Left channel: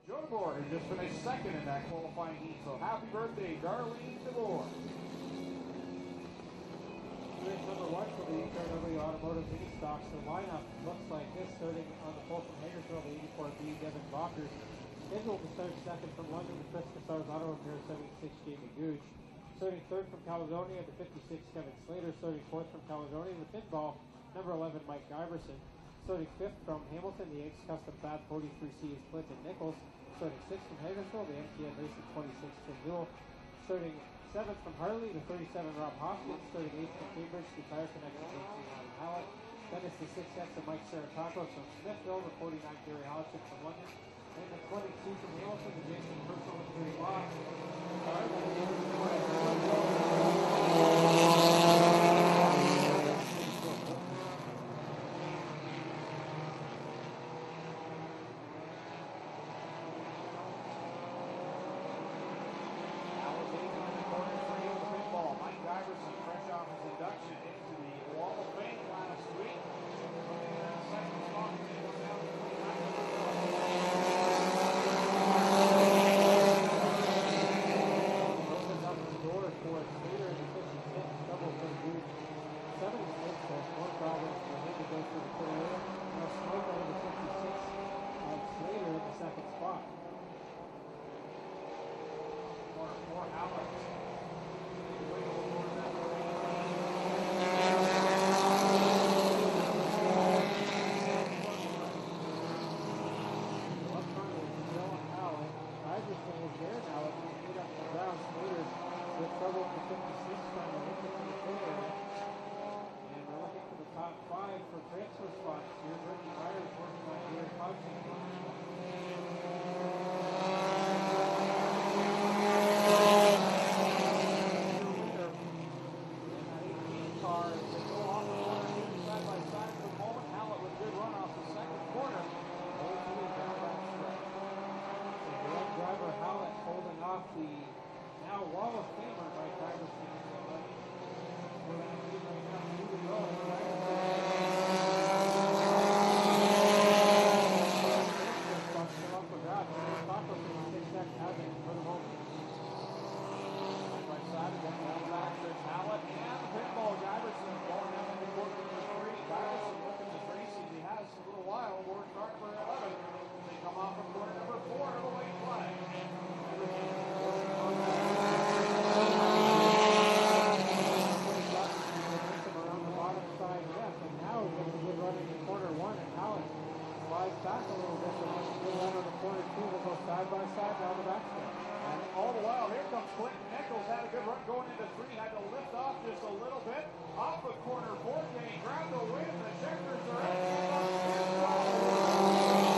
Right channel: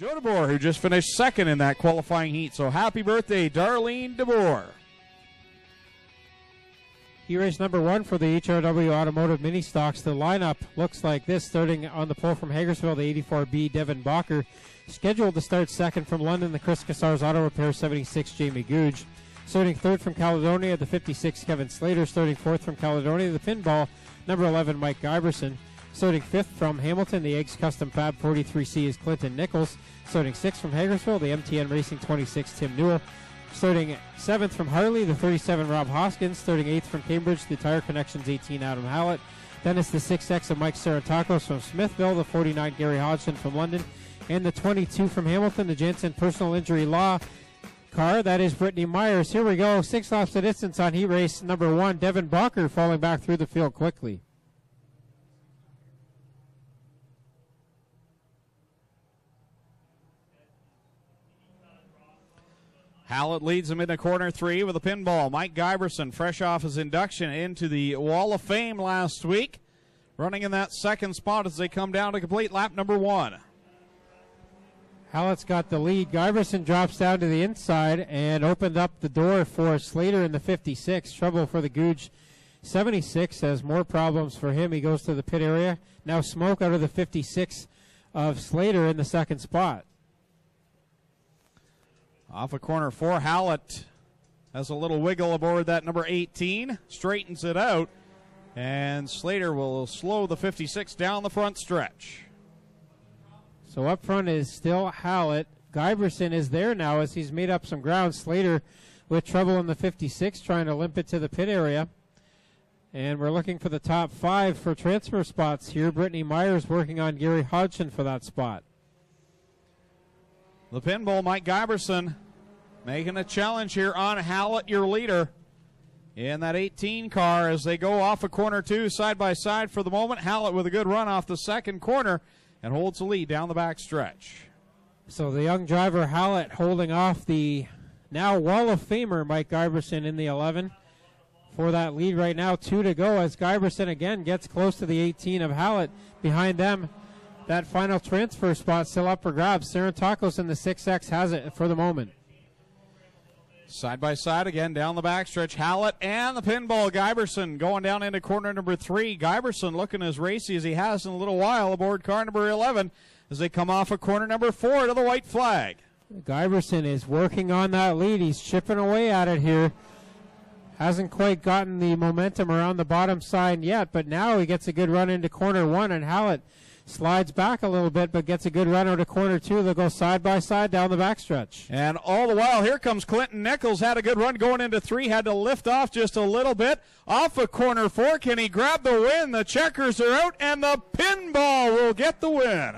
Joe DeBoer, who just finished second in that qualifying heat. So happy birthday, Darlene DeBoer. He race number 1 for the HRW Automotive Mini Stocks. The lineup looks like this, starting on the pole from Hagersville, the 84B, Devin Bacher. Scheduled to start second from London, the Chris Cassars Auto Repair, 76, Jamie Googe. Starting third from Caledonia, the 56, Kevin Slater. Starting fourth from Caledonia, the pinball, number 11, Mike Giberson. Starting fifth from Hamilton, the Eggs Custom Fab 43C is Clinton Nichols. Starting sixth from Hagersville, the MTN Racing 26, Tim Newell. Starting seventh from Harley, the 37, Rob Hoskins. Starting eighth from Cambridge, the Tire Connections 18, Adam Hallett. Then it's the 6X of Mike Saratakos from Smithville, the 49, Gary Hodgson from London. And the 22 from Hamilton, the Jansen Personal Injury Law car. That is Brittany Myers. Here we go. 6 laps the distance on heat race number 1. Devin Bacher falling back through the field quickly. Hallett leads him into corner 3 with a pinball. Mike Giberson, fresh off his induction into the Wall of Fame last week, running in that second spot as they come down to complete lap number 1. Hallett's got the lead. Giberson drops down to the inside and opened up the door for Slater in the 56. Trouble for the Googe 76 has more problems for him. He goes to the pit area. Now smoke out of the 56 of Slater in the second spot. Off of corner 4, Hallett has a little wiggle aboard that number 18, straightens it out, and Slater will slow the 56 down the front stretch. So up front is still Hallett. Giberson is there now as he's made up some ground. Slater with trouble in the 56, trying to limp it to the pit area. And we're looking for the top 5 for transfer spots here. Brittany Myers working on Gary Hodgson for that spot. The pinball, Mike Giberson, making the challenge here on Hallett, your leader, in that 18 car as they go off of corner 2 side by side for the moment. Hallett with a good run off the second corner and holds the lead down the back stretch. So the young driver Hallett holding off the now Wall of Famer Mike Giberson in the 11 for that lead right now. 2 to go as Giberson again gets close to the 18 of Hallett. Behind them, that final transfer spot still up for grabs. Saratakos in the 6X has it for the moment. Side by side again down the backstretch. Hallett and the pinball. Giberson going down into corner number 3. Giberson looking as racy as he has in a little while aboard car number 11 as they come off of corner number 4 to the white flag. Giberson is working on that lead. He's chipping away at it here. Hasn't quite gotten the momentum around the bottom side yet, but now he gets a good run into corner 1, and Hallett slides back a little bit, but gets a good run out of corner 2. They'll go side by side down the backstretch. And all the while, here comes Clinton Nichols. Had a good run going into 3. Had to lift off just a little bit. Off of corner 4. Can he grab the win? The checkers are out, and the pinball will get the win.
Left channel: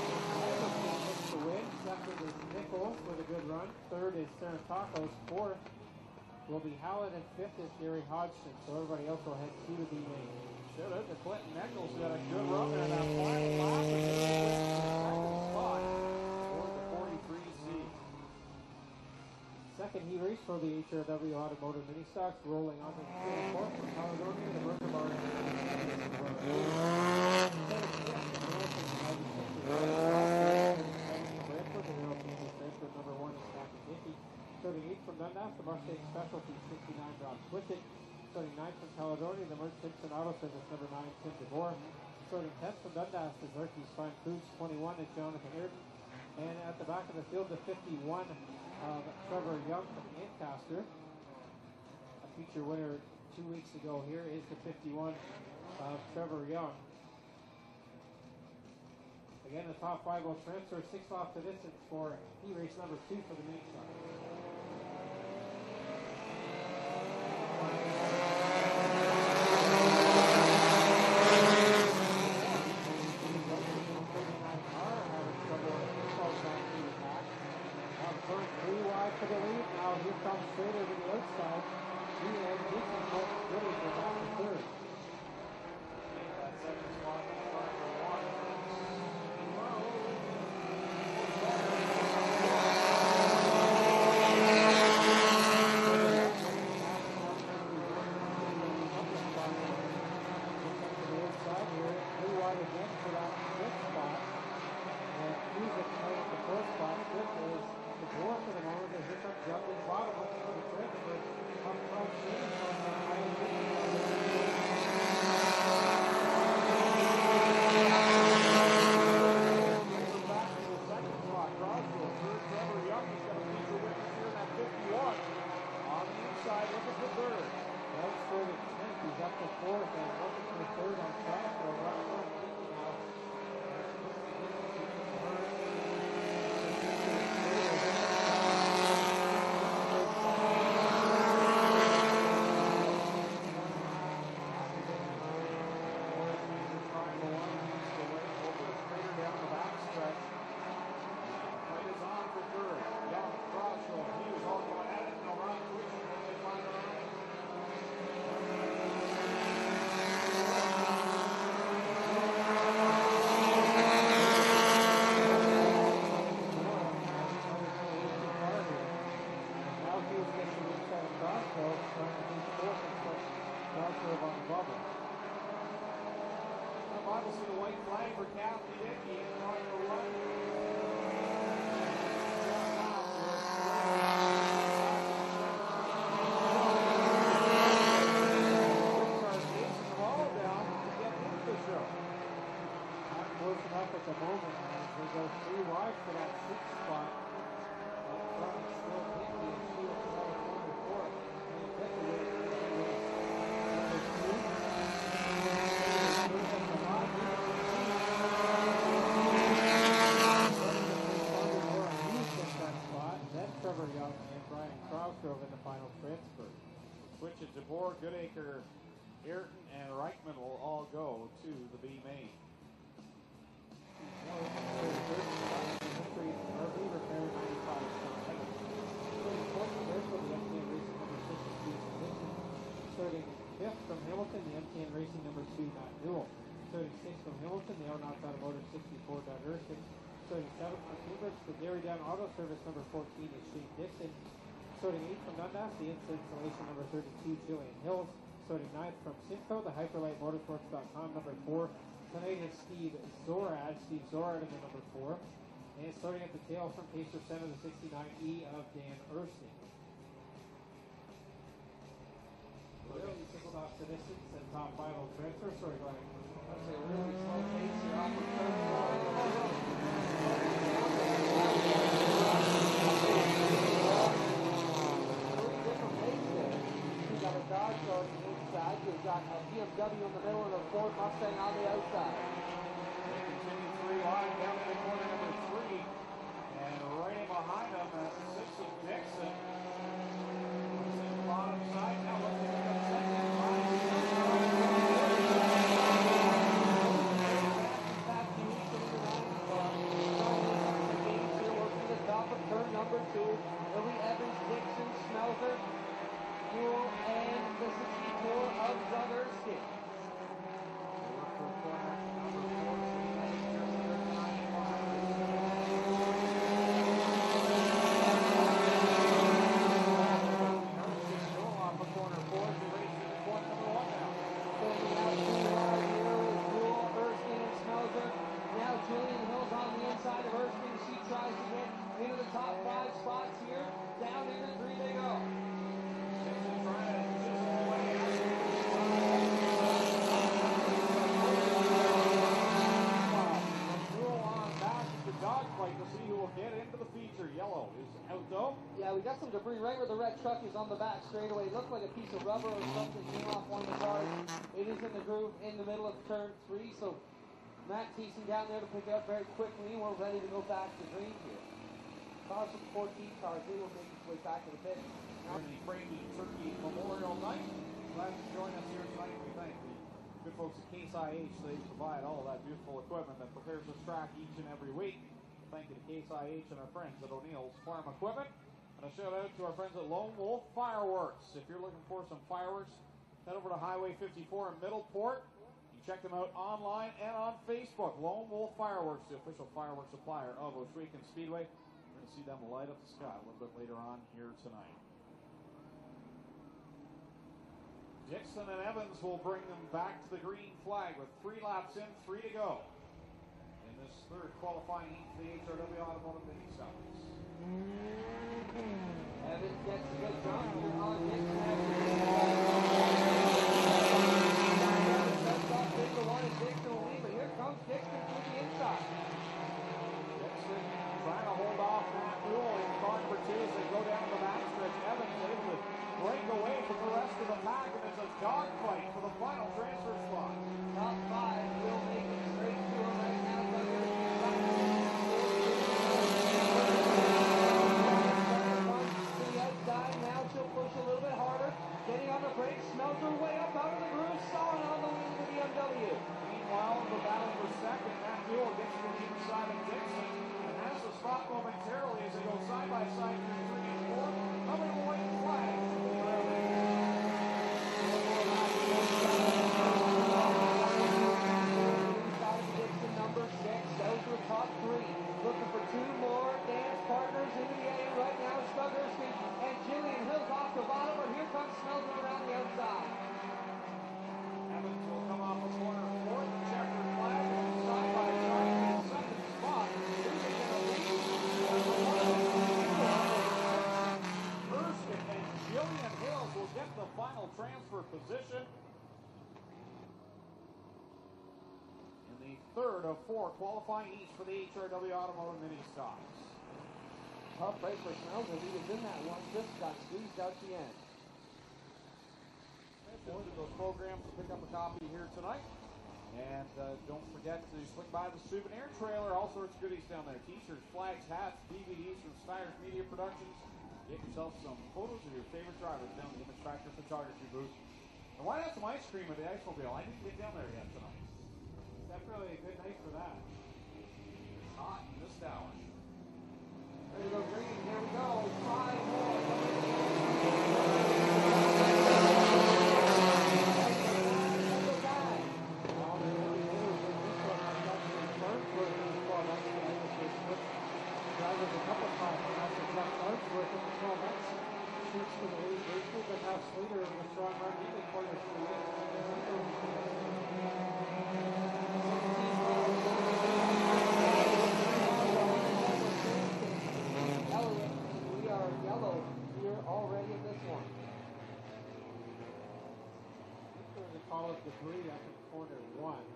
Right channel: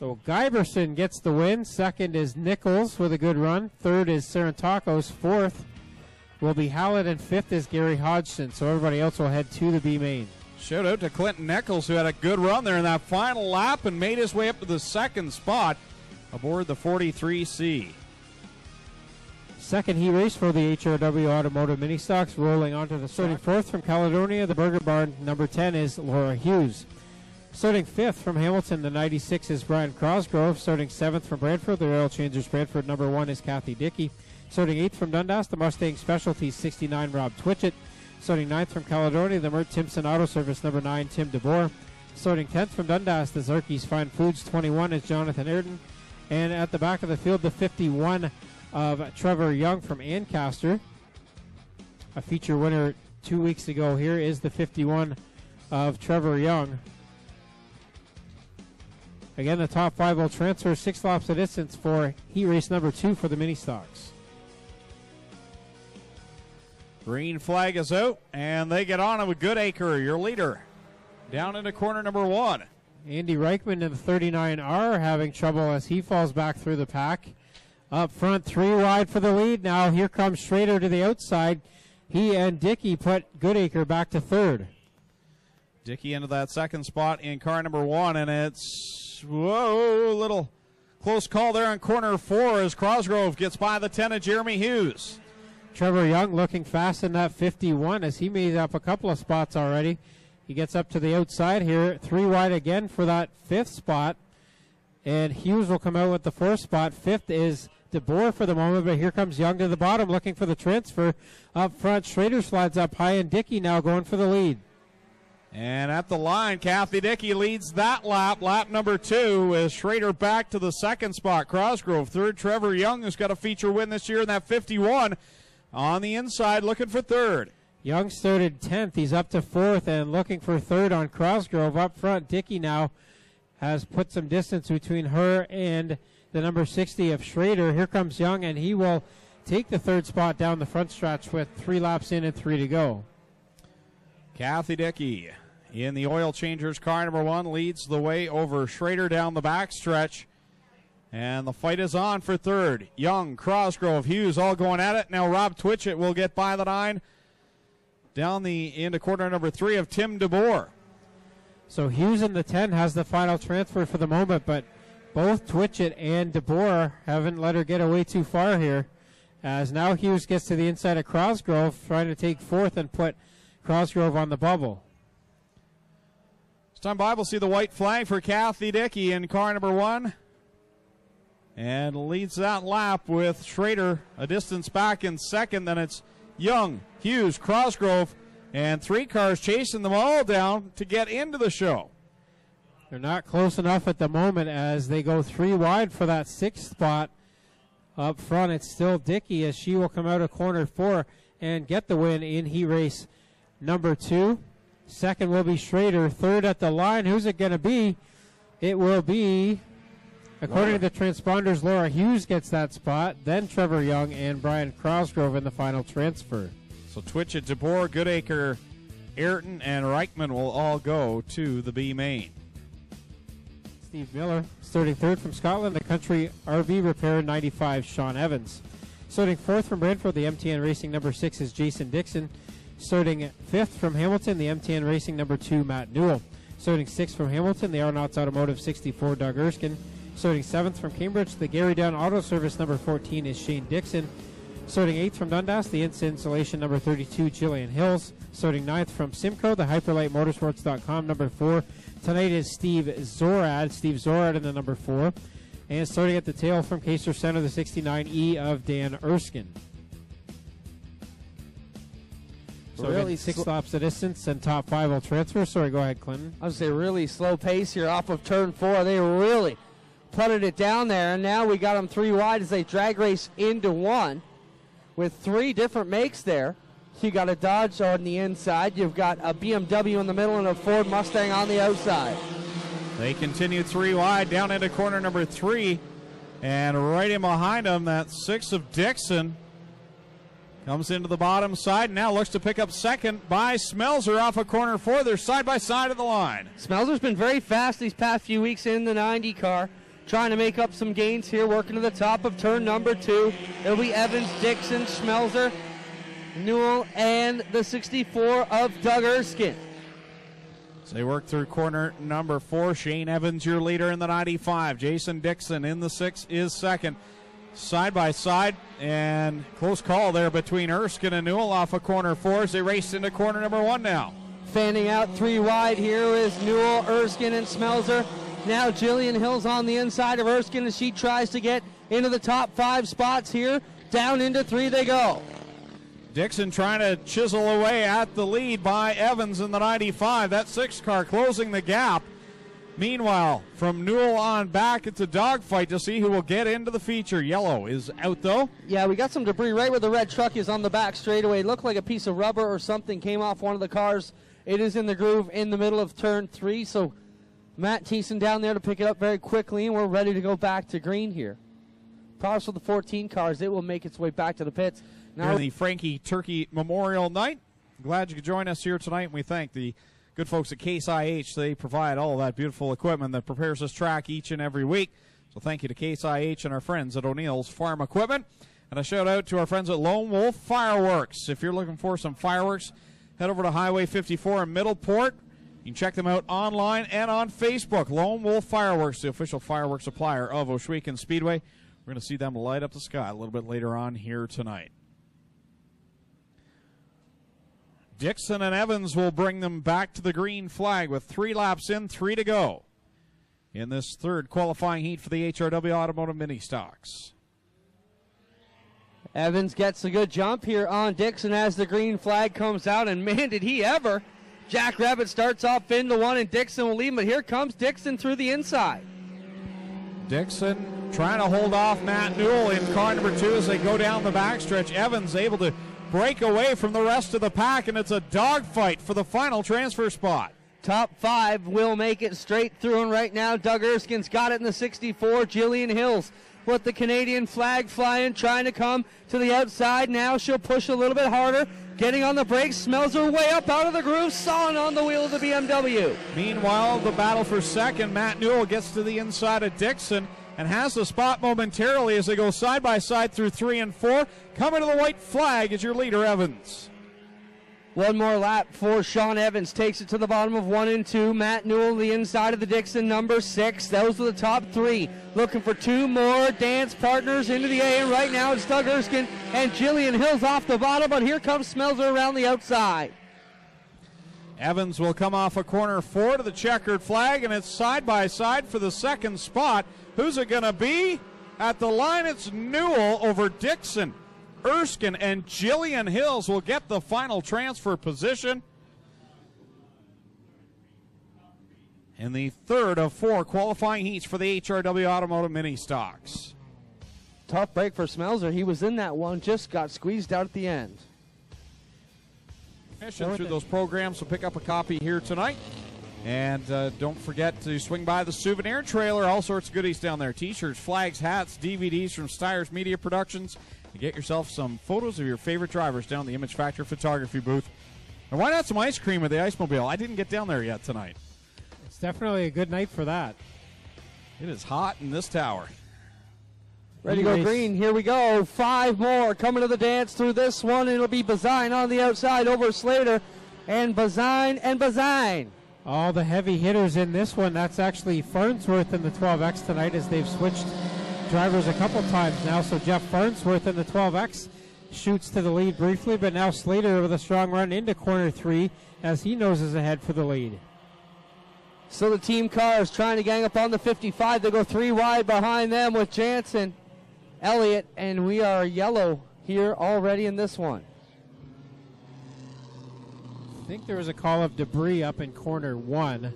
So Giberson gets the win. Second is Nichols with a good run. Third is Saratakos. Fourth will be Hallett, and fifth is Gary Hodgson. So everybody else will head to the B main. Shout out to Clinton Nichols, who had a good run there in that final lap and made his way up to the second spot aboard the 43C. Second heat race for the HRW Automotive Mini Stocks, rolling onto the starting fourth from Caledonia. The Burger Barn number 10 is Laura Hughes. Starting fifth from Hamilton, the 96 is Brian Cosgrove. Starting seventh from Brantford, the Oil Changers Brantford number 1 is Kathy Dickey. Starting eighth from Dundas, the Mustang Specialties 69 Rob Twitchett. Starting 9th from Caledonia, the Mert Timpson Auto Service number 9, Tim DeBoer. Starting 10th from Dundas, the Zerkes Fine Foods 21 is Jonathan Ayrton. And at the back of the field, the 51 of Trevor Young from Ancaster. A feature winner 2 weeks ago here is the 51 of Trevor Young. Again, the top 5 will transfer 6 laps of distance for heat race number 2 for the Mini Stocks. Green flag is out, and they get on with Goodacre, your leader, down into corner number 1. Andy Reichman in the 39R having trouble as he falls back through the pack. Up front, 3 wide for the lead. Now here comes Schrader to the outside. He and Dickey put Goodacre back to third. Dickey into that second spot in car number 1, and it's, whoa, little close call there on corner 4 as Cosgrove gets by the 10 of Jeremy Hughes. Trevor Young looking fast in that 51 as he made up a couple of spots already. He gets up to the outside here. 3 wide again for that 5th spot. And Hughes will come out with the 4th spot. 5th is DeBoer for the moment, but here comes Young to the bottom looking for the transfer. Up front, Schrader slides up high, and Dickey now going for the lead. And at the line, Kathy Dickey leads that lap number 2, with Schrader back to the 2nd spot. Cosgrove 3rd. Trevor Young has got a feature win this year in that 51. On the inside, looking for 3rd. Young started 10th. He's up to 4th and looking for 3rd on Cosgrove. Up front, Dickey now has put some distance between her and the number 60 of Schrader. Here comes Young, and he will take the 3rd spot down the front stretch with 3 laps in and 3 to go. Kathy Dickey in the oil changers car number 1 leads the way over Schrader down the back stretch. And the fight is on for 3rd. Young, Cosgrove, Hughes all going at it. Now Rob Twitchett will get by the 9 down into corner number 3 of Tim DeBoer. So Hughes in the 10 has the final transfer for the moment, but both Twitchett and DeBoer haven't let her get away too far here, as now Hughes gets to the inside of Cosgrove, trying to take 4th and put Cosgrove on the bubble. This time by, we'll see the white flag for Kathy Dickey in car number 1. And leads that lap with Schrader a distance back in 2nd. Then it's Young, Hughes, Cosgrove, and 3 cars chasing them all down to get into the show. They're not close enough at the moment as they go 3 wide for that 6th spot. Up front, it's still Dickey as she will come out of corner 4 and get the win in heat race number 2. 2nd will be Schrader. 3rd at the line. Who's it going to be? It will be, according to the transponders, Laura Hughes gets that spot. Then Trevor Young and Brian Cosgrove in the final transfer. So Twitchett, DeBoer, Goodacre, Ayrton, and Reichman will all go to the B main. Steve Miller, starting 3rd from Scotland, the Country RV Repair 95, Sean Evans. Starting 4th from Brantford, the MTN Racing number 6 is Jason Dixon. Starting 5th from Hamilton, the MTN Racing number 2, Matt Newell. Starting 6th from Hamilton, the Arnotts Automotive 64, Doug Erskine. Starting 7th from Cambridge, the Gary Down Auto Service number 14 is Shane Dixon. Starting 8th from Dundas, the Insta Installation number 32, Jillian Hills. Starting 9th from Simcoe, the HyperlightMotorsports.com number 4. Tonight is Steve Zorad in the number 4. And starting at the tail from Caser Center, the 69E of Dan Erskine. So really 6 laps of distance and top 5 will transfer. Sorry, go ahead, Clinton. I would say really slow pace here off of turn 4. They really putted it down there, and now we got them 3 wide as they drag race into 1 with 3 different makes there. You got a Dodge on the inside, you've got a BMW in the middle, and a Ford Mustang on the outside. They continue 3 wide down into corner number 3, and right in behind them, that 6 of Dixon comes into the bottom side, now looks to pick up 2nd by Smelzer off of corner 4. They're side by side on the line. Smelzer's been very fast these past few weeks in the 90 car, trying to make up some gains here, working to the top of turn number 2. It'll be Evans, Dixon, Smelzer, Newell, and the 64 of Doug Erskine. So they work through corner number 4. Shane Evans, your leader in the 95. Jason Dixon in the 6 is 2nd. Side by side, and close call there between Erskine and Newell off of corner 4 as they race into corner number 1 now. Fanning out 3 wide here is Newell, Erskine, and Smelzer. Now Jillian Hill's on the inside of Erskine as she tries to get into the top 5 spots here. Down into 3 they go. Dixon trying to chisel away at the lead by Evans in the 95. That 6 car closing the gap. Meanwhile, from Newell on back, it's a dogfight to see who will get into the feature. Yellow is out, though. Yeah, we got some debris right where the red truck is on the back straightaway. It looked like a piece of rubber or something came off one of the cars. It is in the groove in the middle of turn 3, so Matt Thiessen down there to pick it up very quickly, and we're ready to go back to green here. Problems with the 14 cars. It will make its way back to the pits. Now the Frankie Turkey Memorial Night. Glad you could join us here tonight, and we thank the good folks at Case IH. They provide all of that beautiful equipment that prepares this track each and every week. So thank you to Case IH and our friends at O'Neill's Farm Equipment. And a shout out to our friends at Lone Wolf Fireworks. If you're looking for some fireworks, head over to Highway 54 in Middleport. You can check them out online and on Facebook. Lone Wolf Fireworks, the official fireworks supplier of Ohsweken Speedway. We're going to see them light up the sky a little bit later on here tonight. Dixon and Evans will bring them back to the green flag with 3 laps in, 3 to go. in this third qualifying heat for the HRW Automotive Mini Stocks. Evans gets a good jump here on Dixon as the green flag comes out, and man, did he ever. Jack Rabbit starts off into one, and Dixon will lead, but here comes Dixon through the inside. Dixon trying to hold off Matt Newell in car number 2 as they go down the backstretch. Evans able to break away from the rest of the pack, and it's a dogfight for the final transfer spot. Top 5 will make it straight through, and right now Doug Erskine's got it in the 64. Jillian Hills with the Canadian flag flying, trying to come to the outside. Now she'll push a little bit harder, getting on the brakes, smells her way up out of the groove, sawing on the wheel of the BMW. Meanwhile, the battle for second, Matt Newell gets to the inside of Dixon and has the spot momentarily as they go side by side through 3 and 4. Coming to the white flag is your leader, Evans. One more lap for Sean Evans, takes it to the bottom of 1 and 2. Matt Newell on the inside of the Dixon, number 6. Those are the top 3. Looking for 2 more dance partners into the A, and right now it's Doug Erskine and Jillian Hills off the bottom, but here comes Smelzer around the outside. Evans will come off a corner 4 to the checkered flag, and it's side by side for the second spot. Who's it going to be? At the line, it's Newell over Dixon. Erskine and Jillian Hills will get the final transfer position in the third of 4 qualifying heats for the HRW Automotive Mini Stocks. Tough break for Smelzer. He was in that one, just got squeezed out at the end. Mission through those programs, so pick up a copy here tonight. And don't forget to swing by the souvenir trailer. All sorts of goodies down there. T-shirts, flags, hats, DVDs from Styres Media Productions. And get yourself some photos of your favorite drivers down the Image Factor photography booth. And why not some ice cream at the Ice Mobile? I didn't get down there yet tonight. It's definitely a good night for that. It is hot in this tower. Ready to go green. Here we go. 5 more coming to the dance through this one. It'll be Bazine on the outside over Slater. And Bazine. All the heavy hitters in this one. That's actually Farnsworth in the 12X tonight, as they've switched drivers a couple times now. So Jeff Farnsworth in the 12X shoots to the lead briefly, but now Slater with a strong run into corner 3 as he noses ahead for the lead. So the team car is trying to gang up on the 55. They go 3 wide behind them with Jansen, Elliott, and we are yellow here already in this one. I think there was a call of debris up in corner 1.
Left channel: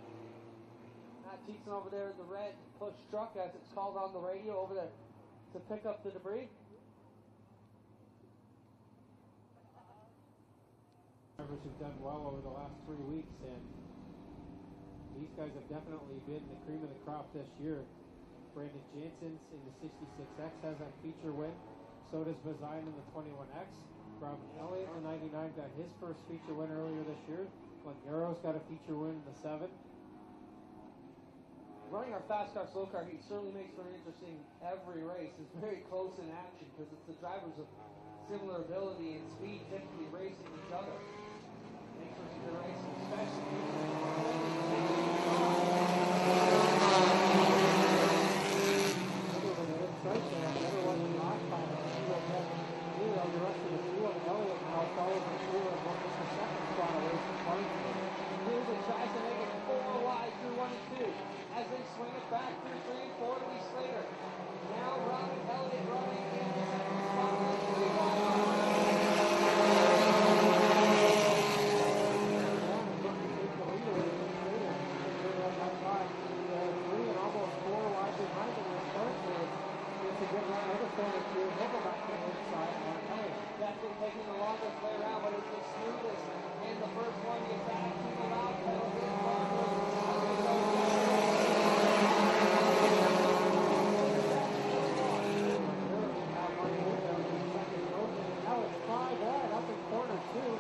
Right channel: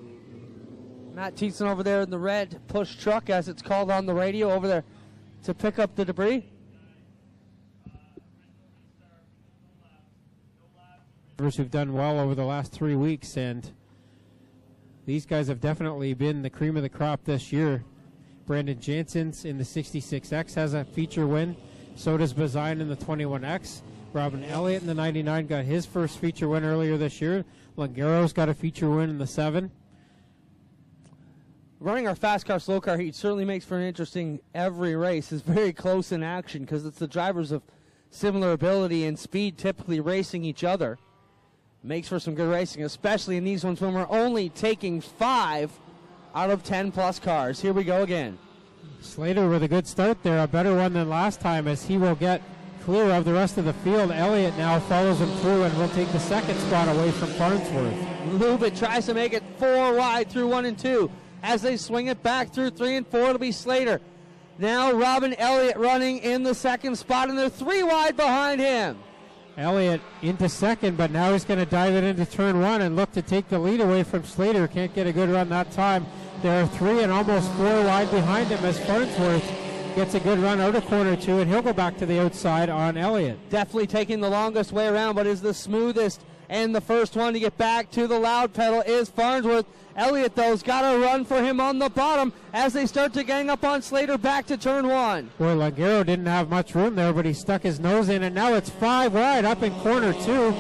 Matt Thiessen over there in the red push truck, as it's called on the radio, over there to pick up the debris. Drivers who've done well over the last 3 weeks, and these guys have definitely been the cream of the crop this year. Brandon Jansen's in the 66X has a feature win. So does Bazine in the 21X. Robin Elliott in the 99 got his first feature win earlier this year. Langero's got a feature win in the 7. Running our fast car, slow car heat certainly makes for an interesting every race. It's very close in action because it's the drivers of similar ability and speed typically racing each other. Makes for some good racing, especially in these ones when we're only taking 5 out of 10 plus cars. Here we go again. Slater with a good start there, a better one than last time, as he will get clear of the rest of the field. Elliott now follows him through and will take the second spot away from Farnsworth. Lubit tries to make it 4 wide through 1 and 2. As they swing it back through 3 and 4, it'll be Slater. Now Robin Elliott running in the second spot, and they're 3 wide behind him. Elliott into second, but now he's going to dive it into turn 1 and look to take the lead away from Slater. Can't get a good run that time. There are 3 and almost 4 wide behind him as Farnsworth gets a good run out of corner 2, and he'll go back to the outside on Elliott. Definitely taking the longest way around, but is the smoothest and the first one to get back to the loud pedal is Farnsworth. Elliott, though, has got a run for him on the bottom as they start to gang up on Slater back to turn 1. Boy, Langero didn't have much room there, but he stuck his nose in, and now it's 5 wide up in corner 2.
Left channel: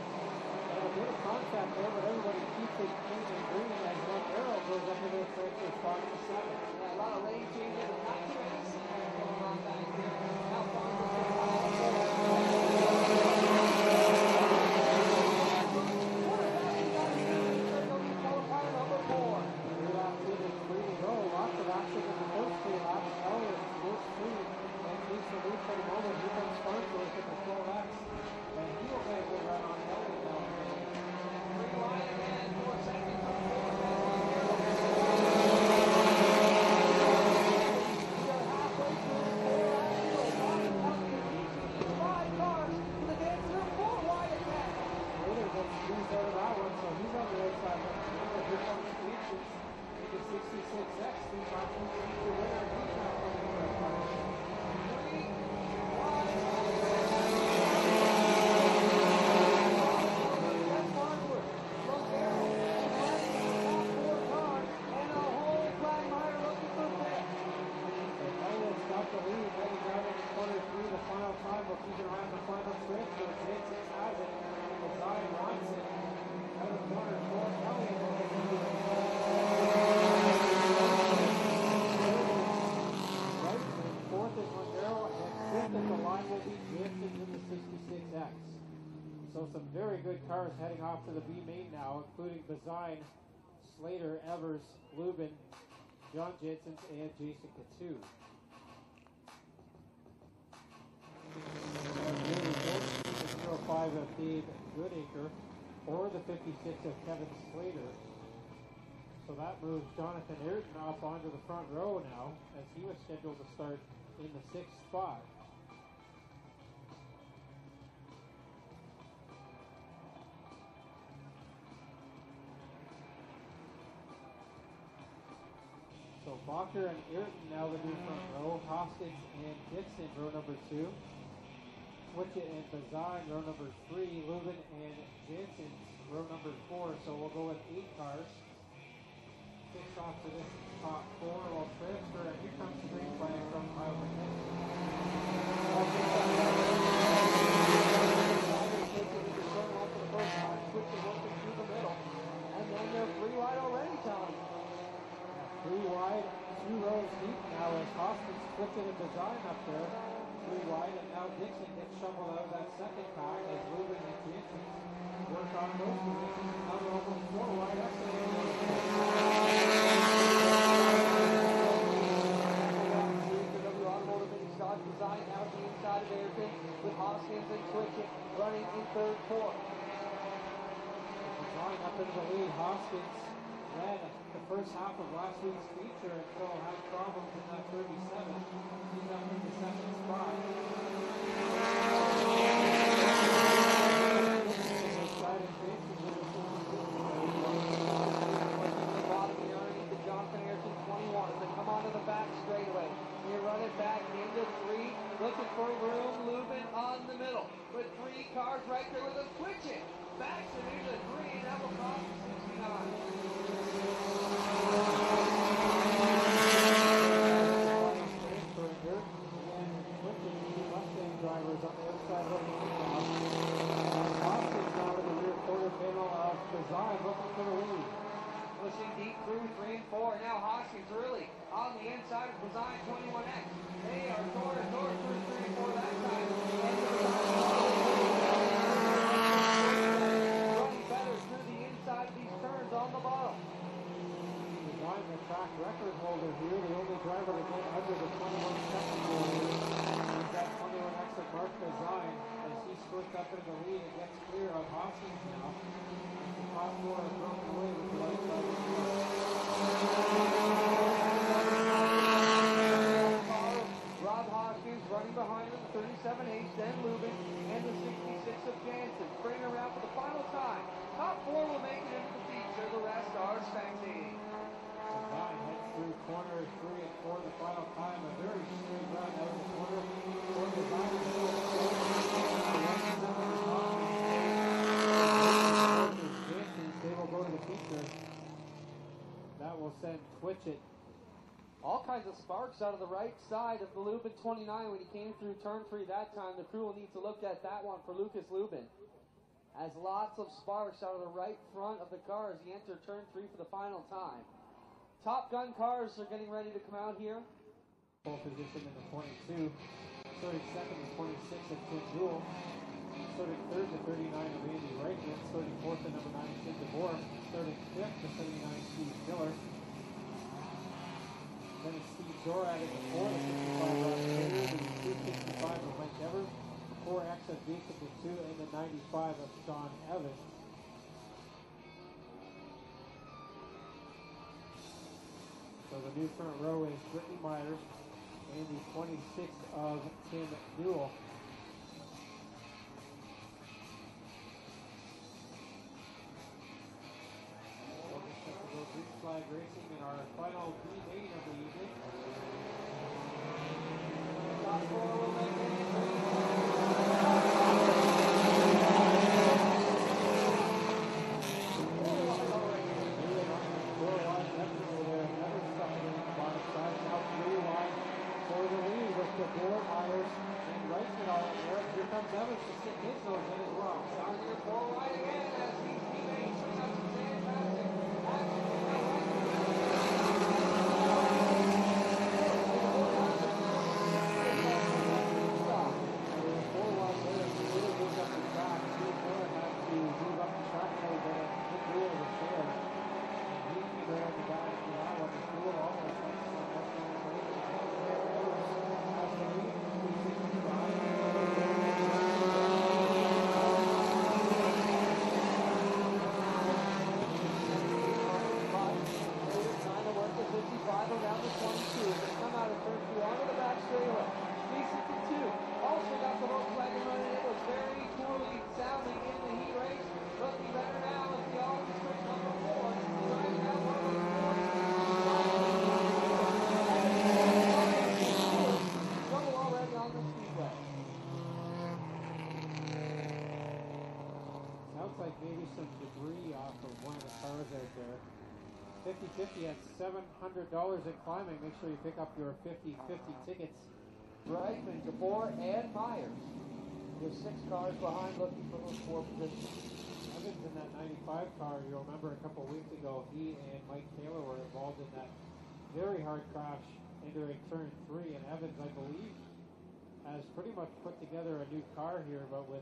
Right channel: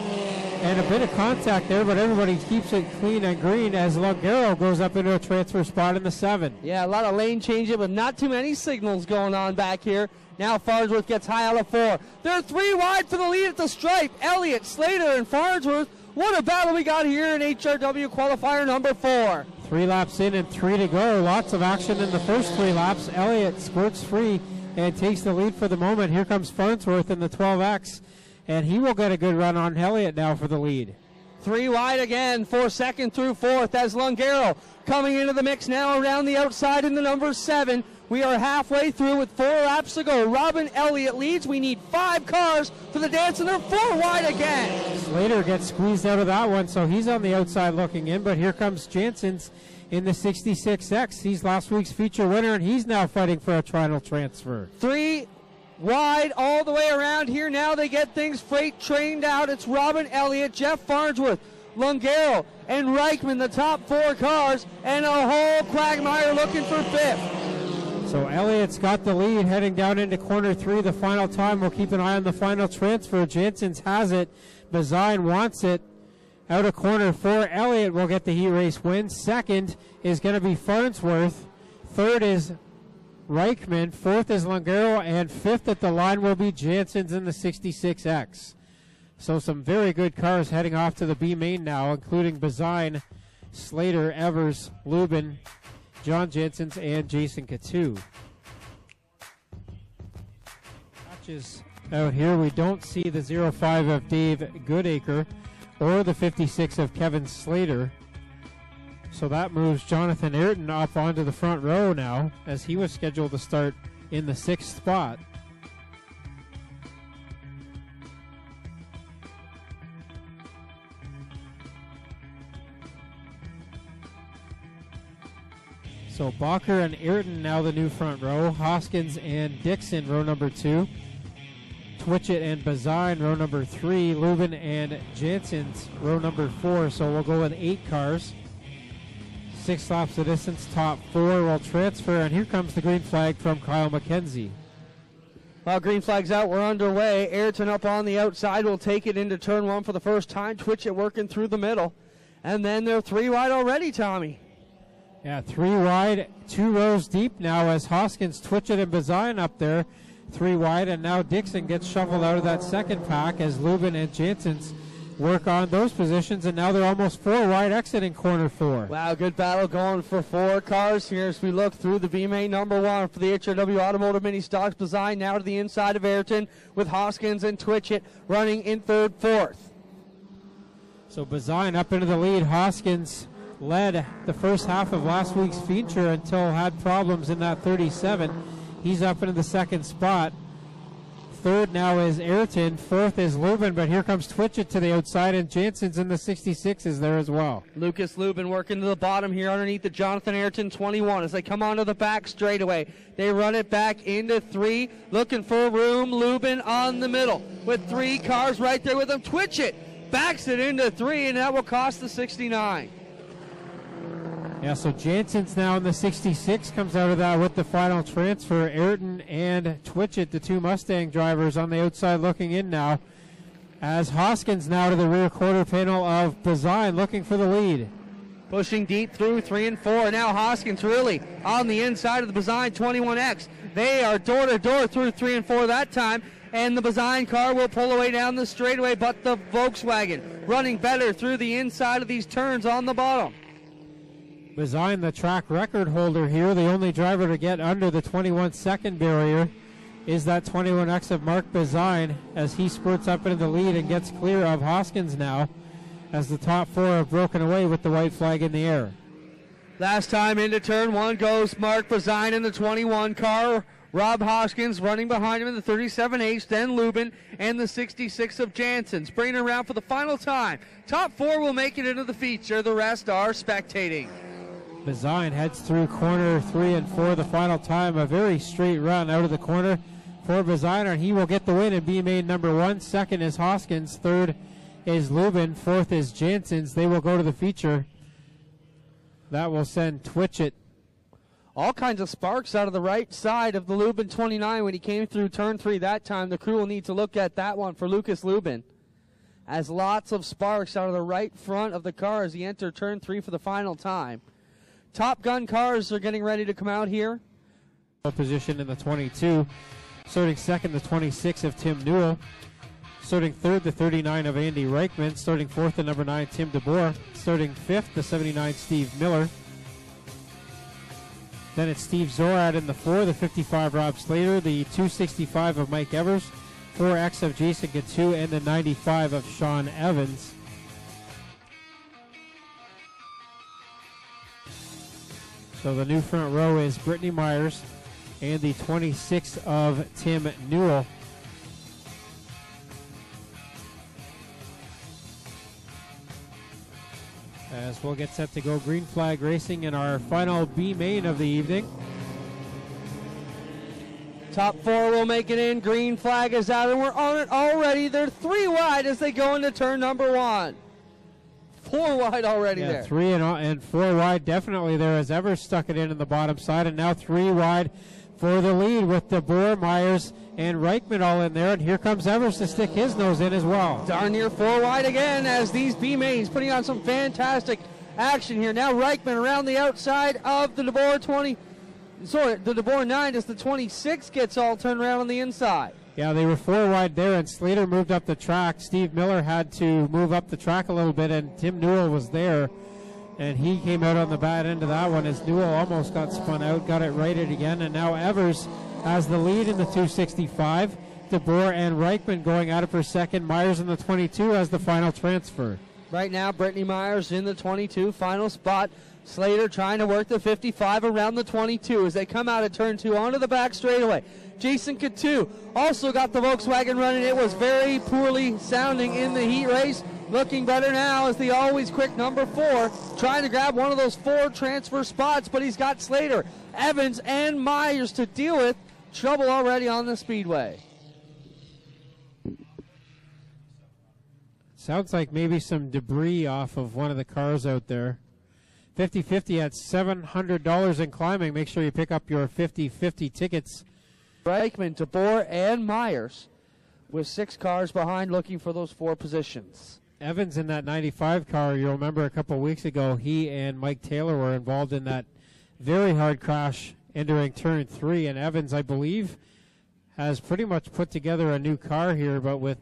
And a bit of contact there, but everybody keeps it clean and green as Langero goes up into a transfer spot in the 7. Yeah, a lot of lane changing, but not too many signals going on back here. Now Farnsworth gets high out of 4. They're 3 wide for the lead at the stripe. Elliott, Slater, and Farnsworth. What a battle we got here in HRW qualifier number 4. 3 laps in and 3 to go. Lots of action in the first 3 laps. Elliott squirts free and takes the lead for the moment. Here comes Farnsworth in the 12X, and he will get a good run on Elliott now for the lead. Three wide again for second through fourth as Lungaro coming into the mix now around the outside in the number 7. We are halfway through with 4 laps to go. Robin Elliott leads. We need 5 cars for the dance, and they're 4 wide again. Slater gets squeezed out of that one, so he's on the outside looking in, but here comes Jansen's in the 66X. He's last week's feature winner, and he's now fighting for a final transfer. 3 wide all the way around here. Now they get things freight trained out. It's Robin Elliott, Jeff Farnsworth, Lungaro, and Reichman, the top 4 cars, and a whole quagmire looking for 5th. So Elliott's got the lead heading down into corner 3 the final time. We'll keep an eye on the final transfer. Jansen's has it. Bazine wants it. Out of corner 4, Elliott will get the heat race win. Second is going to be Farnsworth. Third is Reichman. Fourth is Lungaro. And fifth at the line will be Jansen's in the 66X. So some very good cars heading off to the B main now, including Bazine, Slater, Evers, Lubin, John Jansen's, and Jason Katu. Matches out here, we don't see the 05 of Dave Goodacre or the 56 of Kevin Slater. So that moves Jonathan Ayrton up onto the front row now, as he was scheduled to start in the 6th spot. So Bacher and Ayrton now the new front row. Hoskins and Dixon row number 2. Twitchett and Bazine row number 3. Lubin and Jansen's row number 4. So we'll go with 8 cars. 6 laps of distance, top 4 will transfer, and here comes the green flag from Kyle McKenzie. Well, green flag's out, we're underway. Ayrton up on the outside will take it into turn 1 for the first time. Twitchett working through the middle. And then they're 3 wide already, Tommy. Yeah, 3 wide, 2 rows deep now as Hoskins, Twitchett, and Bazine up there. 3 wide, and now Dixon gets shuffled out of that second pack as Lubin and Jansen's work on those positions, and now they're almost 4 wide exiting corner 4. Wow, good battle going for 4 cars here as we look through the B main number 1 for the HRW Automotive Mini Stocks. Bazine now to the inside of Ayrton with Hoskins and Twitchett running in 3rd, 4th. So Bazine up into the lead. Hoskins led the first half of last week's feature until had problems in that 37. He's up into the 2nd spot. 3rd now is Ayrton. 4th is Lubin, but here comes Twitchett to the outside, and Jansen's in the 66 is there as well. Lucas Lubin working to the bottom here underneath the Jonathan Ayrton 21 as they come onto the back straightaway. They run it back into 3, looking for room. Lubin on the middle with 3 cars right there with him. Twitchett backs it into 3, and that will cost the 69. Yeah, so Jansen's now in the 66, comes out of that with the final transfer. Ayrton and Twitchett, the 2 Mustang drivers, on the outside looking in now. As Hoskins now to the rear quarter panel of Bazine looking for the lead. Pushing deep through 3 and 4. Now Hoskins really on the inside of the Bazine 21X. They are door to door through 3 and 4 that time. And the Bazine car will pull away down the straightaway, but the Volkswagen running better through the inside of these turns on the bottom. Bazine, the track record holder here, the only driver to get under the 21-second barrier is that 21X of Mark Bazine as he spurts up into the lead and gets clear of Hoskins now as the top 4 have broken away with the white flag in the air. Last time into turn 1 goes Mark Bazine in the 21 car. Rob Hoskins running behind him in the 37H, then Lubin and the 66 of Jansen's. Bringing it around for the final time. Top 4 will make it into the feature. The rest are spectating. Bazine heads through corner 3 and 4 the final time. A very straight run out of the corner for Bazine, and he will get the win in B main number 1. Second is Hoskins. 3rd is Lubin. 4th is Jansen's. They will go to the feature. That will send Twitchett. All kinds of sparks out of the right side of the Lubin 29 when he came through turn 3 that time. The crew will need to look at that one for Lucas Lubin. As lots of sparks out of the right front of the car as he entered turn 3 for the final time. Top Gun cars are getting ready to come out here. Position in the 22. Starting 2nd, the 26 of Tim Newell. Starting 3rd, the 39 of Andy Reichman. Starting 4th, the number 9, Tim DeBoer. Starting 5th, the 79, Steve Miller. Then it's Steve Zorad in the 4, the 55, Rob Slater. The 265 of Mike Evers. 4X of Jason Gatu, and the 95 of Sean Evans. So the new front row is Brittany Myers and the 26 of Tim Newell. As we'll get set to go green flag racing in our final B main of the evening. Top 4 will make it in. Green flag is out, and we're on it already. They're 3 wide as they go into turn number 1. 4 wide already there. 3 and 4 wide definitely there as Evers stuck it in the bottom side, and now 3 wide for the lead with DeBoer, Myers, and Reichman all in there. And here comes Evers to stick his nose in as well. Darn near 4 wide again as these B mains putting on some fantastic action here. Now Reichman around the outside of the DeBoer 20. Sorry, the DeBoer 9 as the 26 gets all turned around on the inside. Yeah, they were 4 wide there, and Slater moved up the track. Steve Miller had to move up the track a little bit, and Tim Newell was there, and he came out on the bad end of that one as Newell almost got spun out, got it righted again, and now Evers has the lead in the 265. DeBoer and Reichman going at it for second. Myers in the 22 as the final transfer. Right now, Brittany Myers in the 22, final spot. Slater trying to work the 55 around the 22 as they come out of turn 2 onto the back straightaway. Jason Coutu also got the Volkswagen running. It was very poorly sounding in the heat race. Looking better now as the always quick number 4, trying to grab one of those 4 transfer spots, but he's got Slater, Evans, and Myers to deal with. Trouble already on the speedway. Sounds like maybe some debris off of one of the cars out there. 50-50 at $700 in climbing. Make sure you pick up your 50-50 tickets. Reichman, DeBoer, and Myers with 6 cars behind looking for those 4 positions. Evans in that 95 car, you'll remember a couple weeks ago, he and Mike Taylor were involved in that very hard crash entering turn 3, and Evans, I believe, has pretty much put together a new car here, but with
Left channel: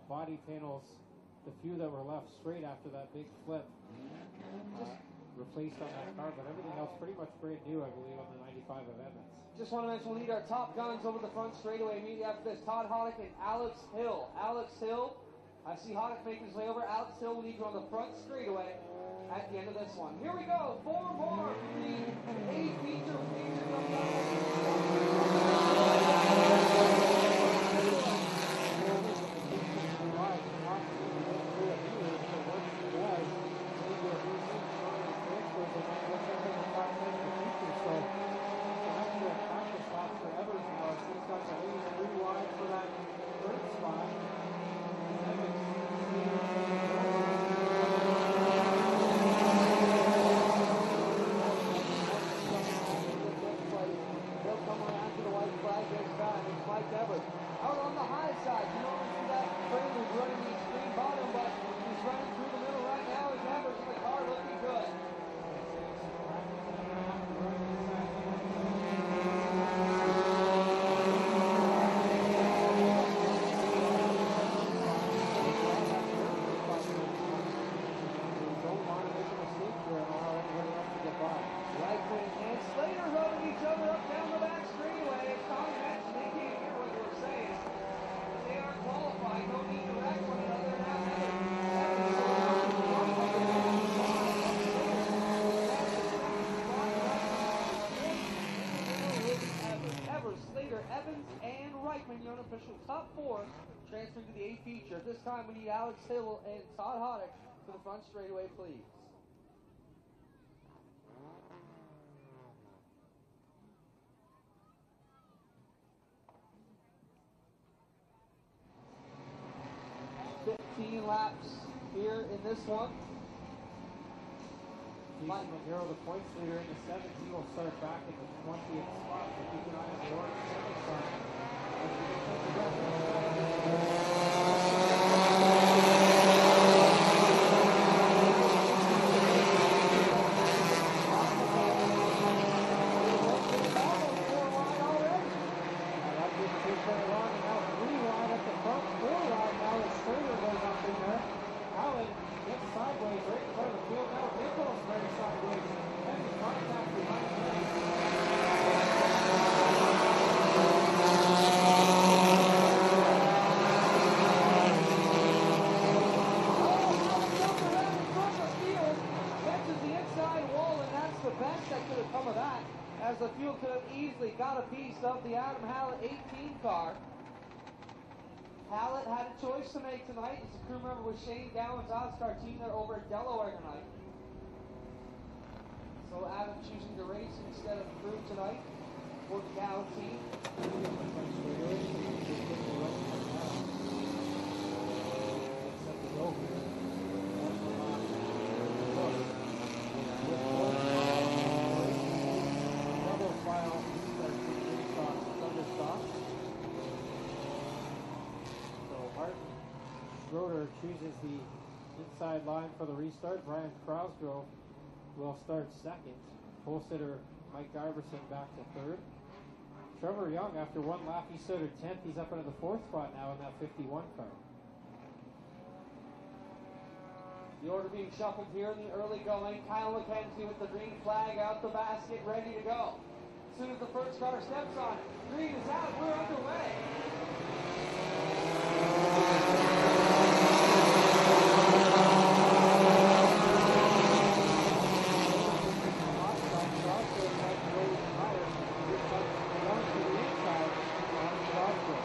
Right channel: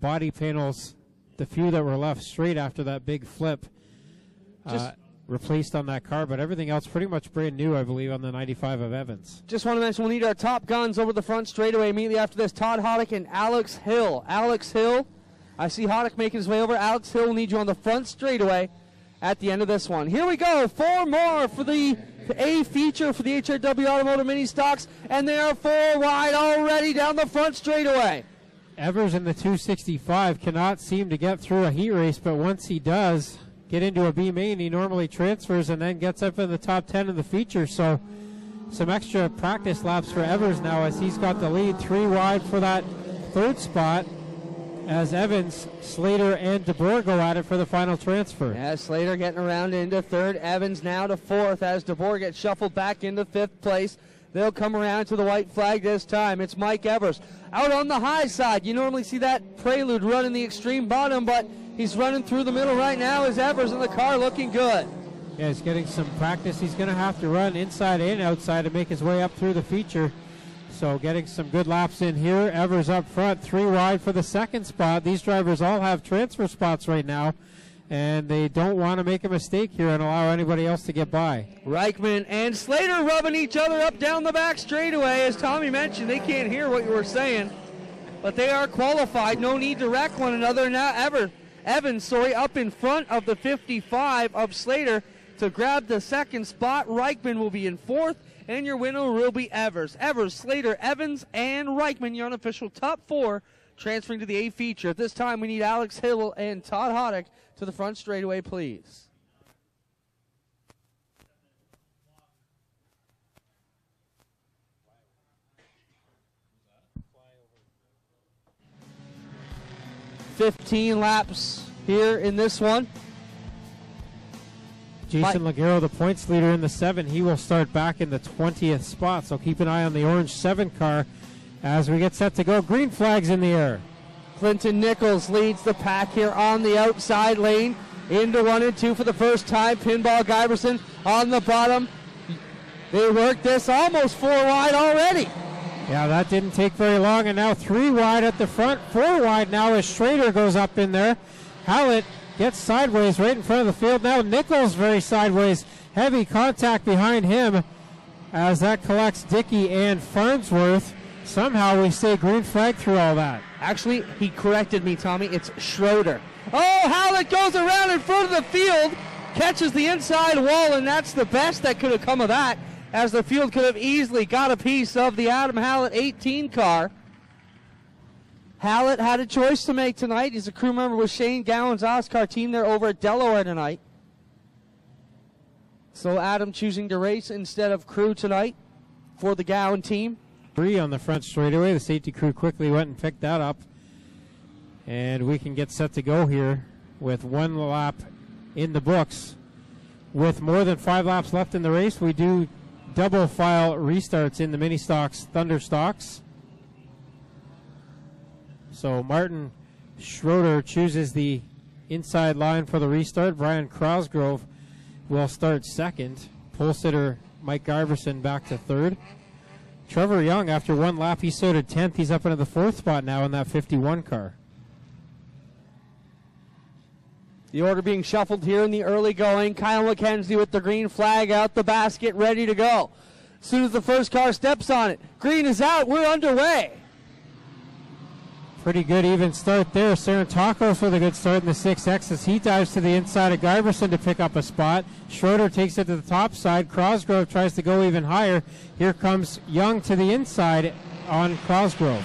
body panels, the few that were left straight after that big flip, replaced on that car, but everything else pretty much brand new, I believe, on the 95 of Evans. Just want to mention we'll need our top guns over the front straightaway immediately after this. Todd Hoddick and Alex Hill. Alex Hill, I see Hoddick making his way over. Alex Hill will need you on the front straightaway at the end of this one. Here we go, 4 more for the A feature for the HRW Automotive Mini Stocks, and they are 4 wide already down the front straightaway. Evers in the 265 cannot seem to get through a heat race, but once he does get into a B main, he normally transfers and then gets up in the top 10 of the feature. So some extra practice laps for Evers now as he's got the lead. 3 wide for that 3rd spot as Evans, Slater, and DeBoer go at it for the final transfer. Yeah, Slater getting around into 3rd. Evans now to 4th as DeBoer gets shuffled back into 5th place. They'll come around to the white flag this time. It's Mike Evers out on the high side. You normally see that Prelude run in the extreme bottom, but he's running through the middle right now as Evers in the car looking good. Yeah, he's getting some practice. He's going to have to run inside and outside to make his way up through the feature. So getting some good laps in here. Evers up front, 3 wide for the 2nd spot. These drivers all have transfer spots right now, and they don't want to make a mistake here and allow anybody else to get by. Reichman and Slater rubbing each other up down the back straightaway. As Tommy mentioned, they can't hear what you were saying, but they are qualified. No need to wreck one another. Now Evans, up in front of the 55 of Slater to grab the 2nd spot. Reichman will be in 4th, and your winner will be Evers. Evers, Slater, Evans, and Reichman, your unofficial top 4, transferring to the A feature. At this time, we need Alex Hill and Todd Hoddick to the front straightaway, please. $15 laps here in this one. Jason Leggero, the points leader in the 7, he will start back in the 20th spot. So keep an eye on the orange 7 car as we get set to go. Green flags in the air. Clinton Nichols leads the pack here on the outside lane. Into 1 and 2 for the first time. Pinball Giberson on the bottom. They worked this almost 4 wide already. Yeah, that didn't take very long, and now 3 wide at the front. 4 wide now as Schrader goes up in there. Hallett gets sideways right in front of the field. Now Nichols very sideways. Heavy contact behind him as that collects Dickey and Farnsworth. Somehow we say green flag through all that. Actually, he corrected me, Tommy. It's Schroeder. Oh, Hallett goes around in front of the field. catches the inside wall, and that's the best that could have come of that, as the field could have easily got a piece of the Adam Hallett 18 car. Hallett had a choice to make tonight. He's a crew member with Shane Gowan's Oscar team. They're over at Delaware tonight. So Adam choosing to race instead of crew tonight for the Gowan team. 3 on the front straightaway. The safety crew quickly went and picked that up. And we can get set to go here with 1 lap in the books. With more than 5 laps left in the race, we do double file restarts in the Ministocks Thunder Stocks. So Martin Schroeder chooses the inside line for the restart. Brian Crosgrove will start second. Pole sitter Mike Iverson back to third. Trevor Young, after 1 lap, he started 10th. He's up into the 4th spot now in that 51 car. The order being shuffled here in the early going. Kyle McKenzie with the green flag out the basket, ready to go. As soon as the first car steps on it, green is out, we're underway. Pretty good even start there. Saratakos with a good start in the 6X as he dives to the inside of Giverson to pick up a spot. Schroeder takes it to the top side. Crosgrove tries to go even higher. Here comes Young to the inside on Crosgrove.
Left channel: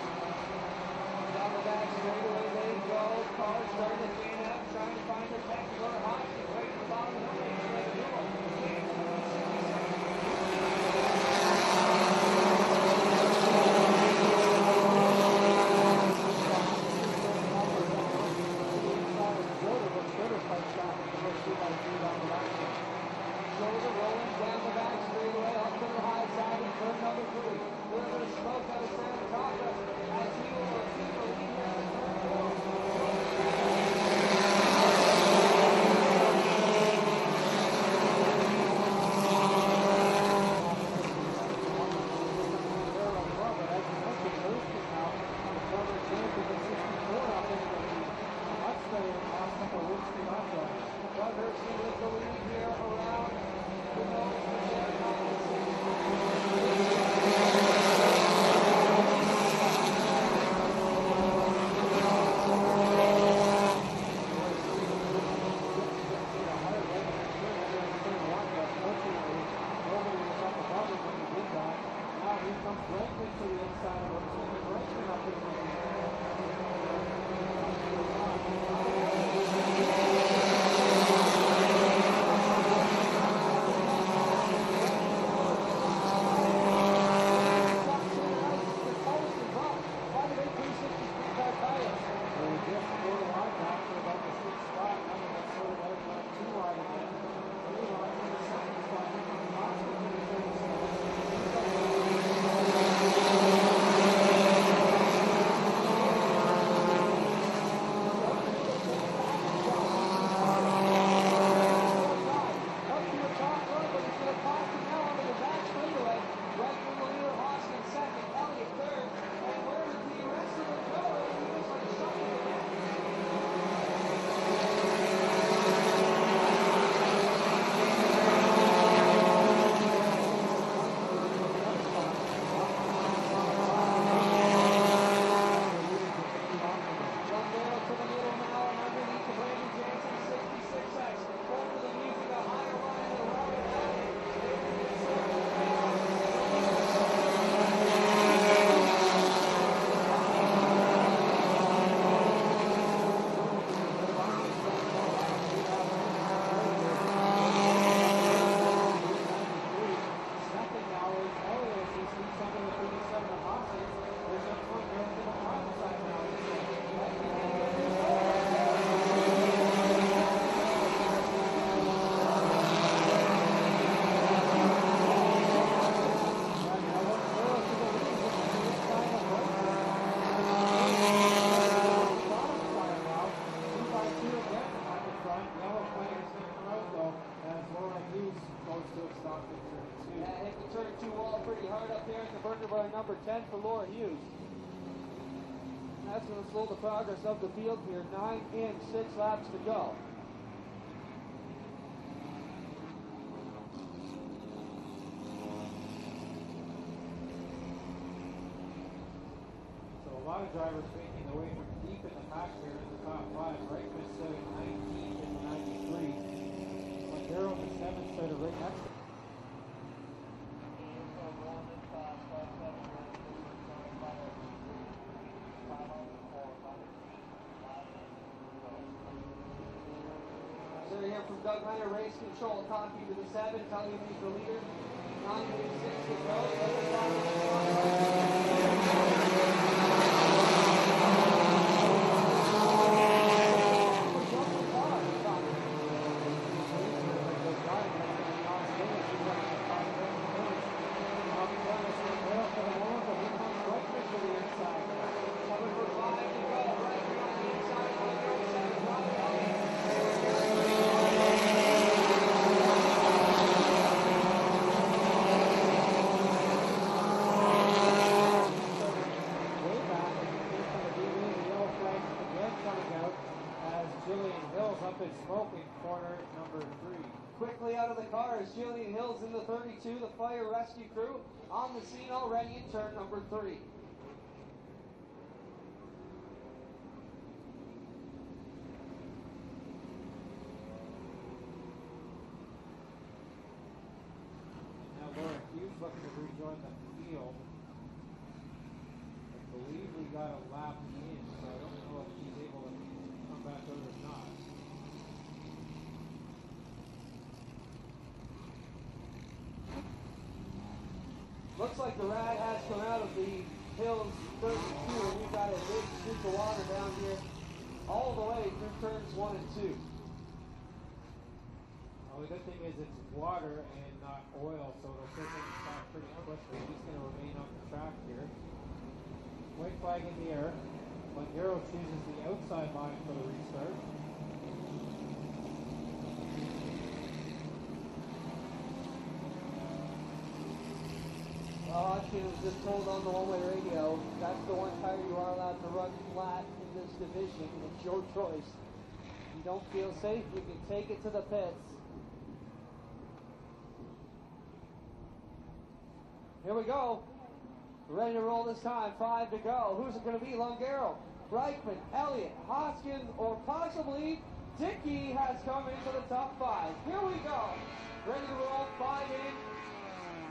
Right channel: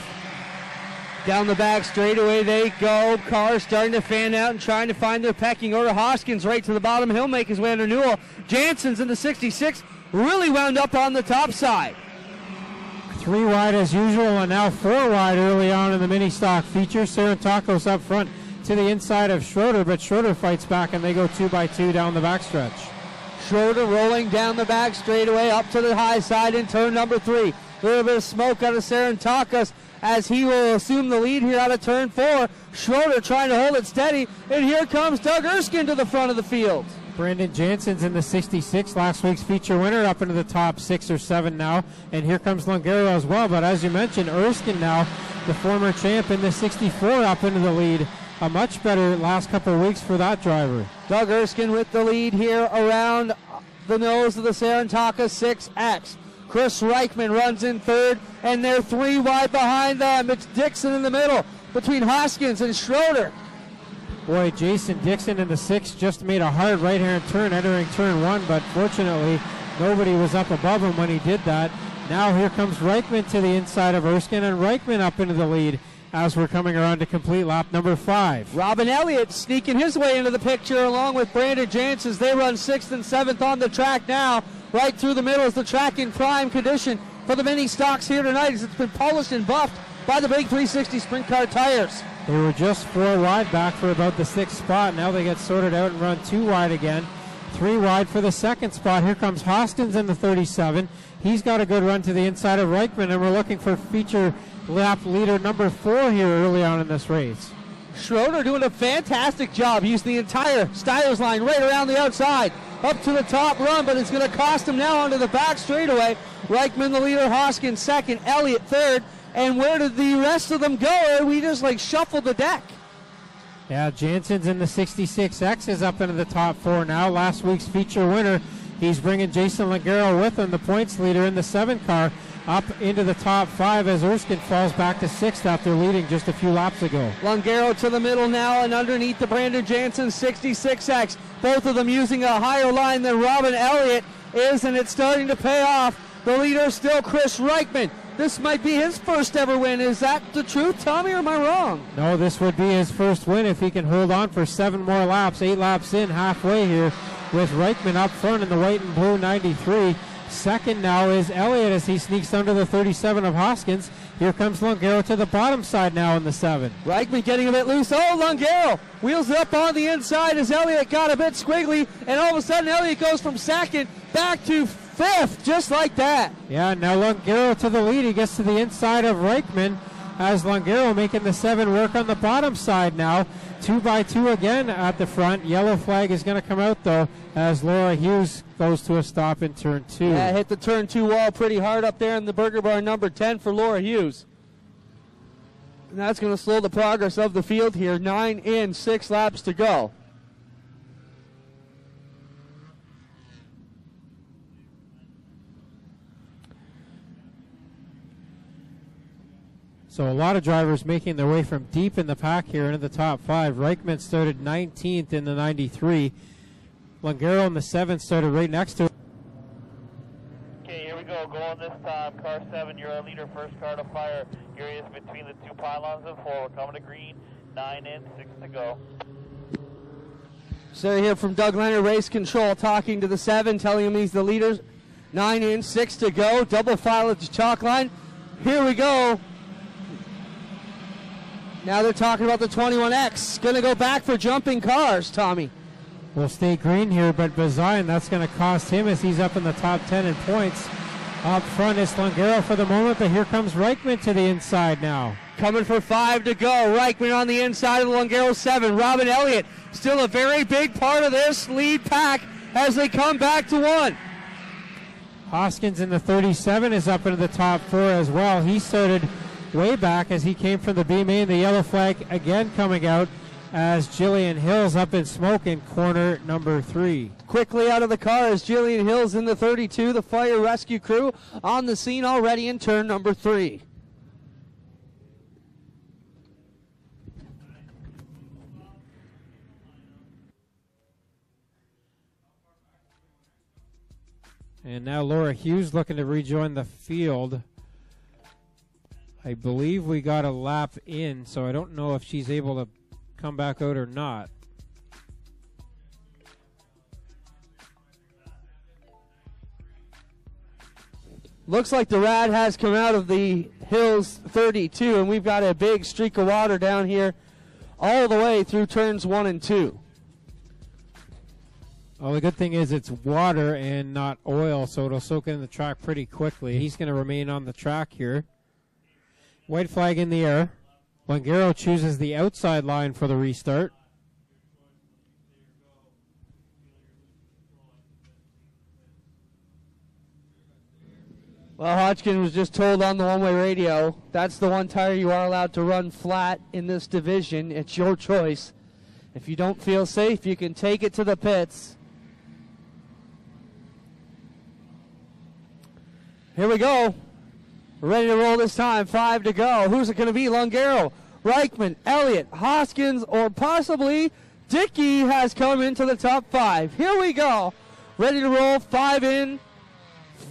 Down the back straightaway they go. Cars starting to fan out and trying to find their pecking order. Hoskins right to the bottom. He'll make his way under Newell. Jansen's in the 66. Really wound up on the top side. 3 wide as usual, and now 4 wide early on in the mini stock feature. Saratakos up front to the inside of Schroeder, but Schroeder fights back and they go 2 by 2 down the backstretch. Schroeder rolling down the back straightaway up to the high side in turn number 3. A little bit of smoke out of Saratakos as he will assume the lead here out of turn 4. Schroeder trying to hold it steady, and here comes Doug Erskine to the front of the field. Brandon Jansen's in the 66, last week's feature winner, up into the top 6 or 7 now. And here comes Longaro as well. But as you mentioned, Erskine now, the former champ in the 64, up into the lead. A much better last couple of weeks for that driver. Doug Erskine with the lead here around the nose of the Saratakos 6X. Chris Reichman runs in third, and they're 3 wide behind them. It's Dixon in the middle between Hoskins and Schroeder. Boy, Jason Dixon in the 6 just made a hard right-hand turn entering turn 1, but fortunately nobody was up above him when he did that. Now here comes Reichman to the inside of Erskine, and Reichman up into the lead as we're coming around to complete lap number 5. Robin Elliott sneaking his way into the picture along with Brandon Jansen. They run 6th and 7th on the track now. Right through the middle is the track in prime condition for the mini stocks here tonight as it's been polished and buffed by the big 360 sprint car tires. They were just 4 wide back for about the 6th spot. Now they get sorted out and run 2 wide again. 3 wide for the 2nd spot. Here comes Hoskins in the 37. He's got a good run to the inside of Reichman, and we're looking for feature lap leader number 4 here early on in this race. Schroeder doing a fantastic job. Used the entire Styles line right around the outside. Up to the top run, but it's going to cost him now onto the back straightaway. Reichman the leader, Hoskins second, Elliott third. And where did the rest of them go? We just like shuffled the deck. Yeah, Jansen's in the 66X is up into the top 4 now. Last week's feature winner. He's bringing Jason Longaro with him, the points leader in the 7 car, up into the top 5 as Erskine falls back to 6th after leading just a few laps ago. Longaro to the middle now and underneath the Brandon Jansen 66X. Both of them using a higher line than Robin Elliott is, and it's starting to pay off. The leader still Chris Reichman. This might be his first ever win. Is that the truth, Tommy, or am I wrong? No, this would be his first win if he can hold on for 7 more laps. 8 laps in, halfway here, with Reichman up front in the white and blue 93. Second now is Elliott as he sneaks under the 37 of Hoskins. Here comes Longaro to the bottom side now in the 7. Reichman getting a bit loose. Oh, Longaro wheels it up on the inside as Elliott got a bit squiggly, and all of a sudden Elliott goes from second back to 5th, just like that. Yeah, now Longaro to the lead. He gets to the inside of Reichman as Longaro making the 7 work on the bottom side now. 2 by 2 again at the front. Yellow flag is going to come out though as Laura Hughes goes to a stop in turn 2. Yeah, hit the turn 2 wall pretty hard up there in the burger bar number 10 for Laura Hughes. And that's going to slow the progress of the field here. 9 in, 6 laps to go. So a lot of drivers making their way from deep in the pack here into the top 5. Reichman started 19th in the 93. Longaro in the 7th started right next to him. Okay, here we go. Going this time. Car 7, you're a leader. First car to fire. Here he is between the 2 pylons and 4. We're coming to green. 9 in, 6 to go. So here from Doug Leonard, race control, talking to the 7, telling him he's the leader. 9 in, 6 to go. Double file at the chalk line. Here we go. Now they're talking about the 21X. Going to go back for jumping cars, Tommy. Will stay green here, but Bazayan, that's going to cost him as he's up in the top 10 in points. Up front is Longaro for the moment, but here comes Reichman to the inside now. Coming for 5 to go. Reichman on the inside of the Longaro 7. Robin Elliott still a very big part of this lead pack as they come back to 1. Hoskins in the 37 is up into the top 4 as well. He started way back as he came from the B main. The yellow flag again coming out as Jillian Hills up in smoke in corner number 3. Quickly out of the car is Jillian Hills in the 32. The fire rescue crew on the scene already in turn number 3. And now Laura Hughes looking to rejoin the field. I believe we got a lap in, so I don't know if she's able to come back out or not. Looks like the rad has come out of the Hills 32, and we've got a big streak of water down here all the way through turns 1 and 2. Well, the good thing is it's water and not oil, so it'll soak in the track pretty quickly. He's going to remain on the track here. White flag in the air. Longaro chooses the outside line for the restart. Well, Hodgkin was just told on the one-way radio, that's the one tire you are allowed to run flat in this division. It's your choice. If you don't feel safe, you can take it to the pits. Here we go. We're ready to roll this time. 5 to go. Who's it going to be? Longaro, Reichman, Elliott, Hoskins, or possibly Dickey has come into the top 5. Here we go. Ready to roll. 5 in.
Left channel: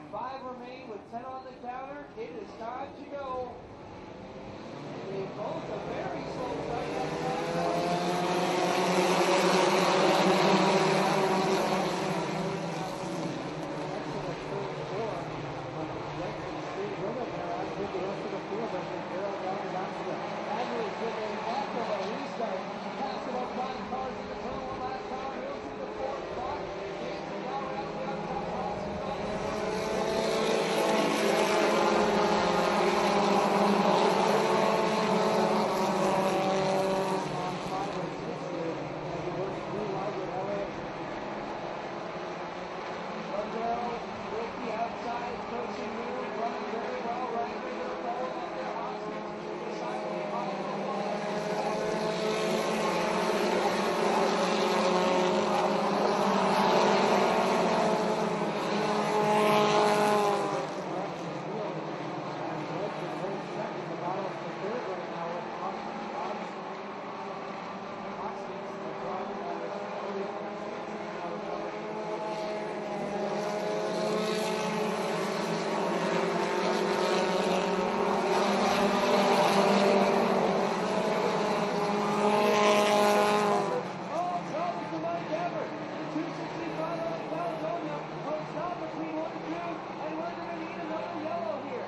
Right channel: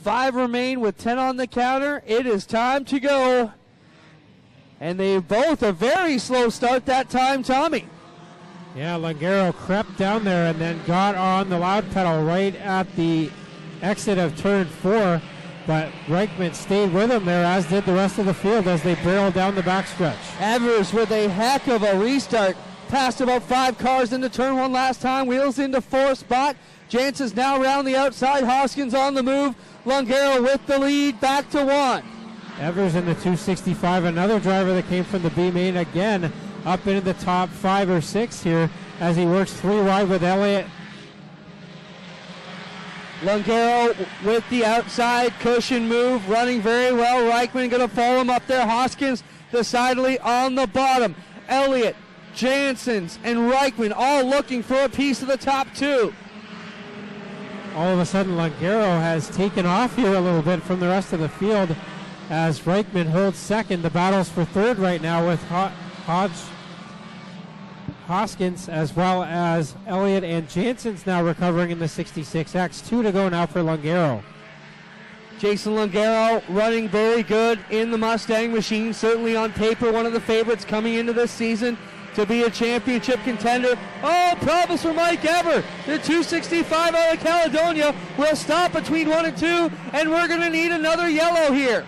5 remain with 10 on the counter. It is time to go. And they both a very slow start that time, Tommy. Yeah, Longaro crept down there and then got on the loud pedal right at the exit of turn 4. But Reichman stayed with him there, as did the rest of the field as they barreled down the backstretch. Evers with a heck of a restart. Passed about 5 cars into turn 1 last time. Wheels into 4th spot. Jansen's now around the outside. Hoskins on the move. Longaro with the lead, back to 1. Evers in the 265, another driver that came from the B main again, up into the top 5 or 6 here as he works 3 wide with Elliott. Longaro with the outside cushion move, running very well. Reichman going to follow him up there. Hoskins decidedly on the bottom. Elliott, Janssens, and Reichman all looking for a piece of the top 2. All of a sudden, Longaro has taken off here a little bit from the rest of the field as Reichman holds second. The battle's for third right now with Hoskins as well as Elliott and Janssens now recovering in the 66X. 2 to go now for Longaro. Jason Longaro running very good in the Mustang machine. Certainly on paper one of the favorites coming into this season to be a championship contender. Oh, problems for Mike Ever. The 265 out of Caledonia will stop between 1 and 2, and we're going to need another yellow here.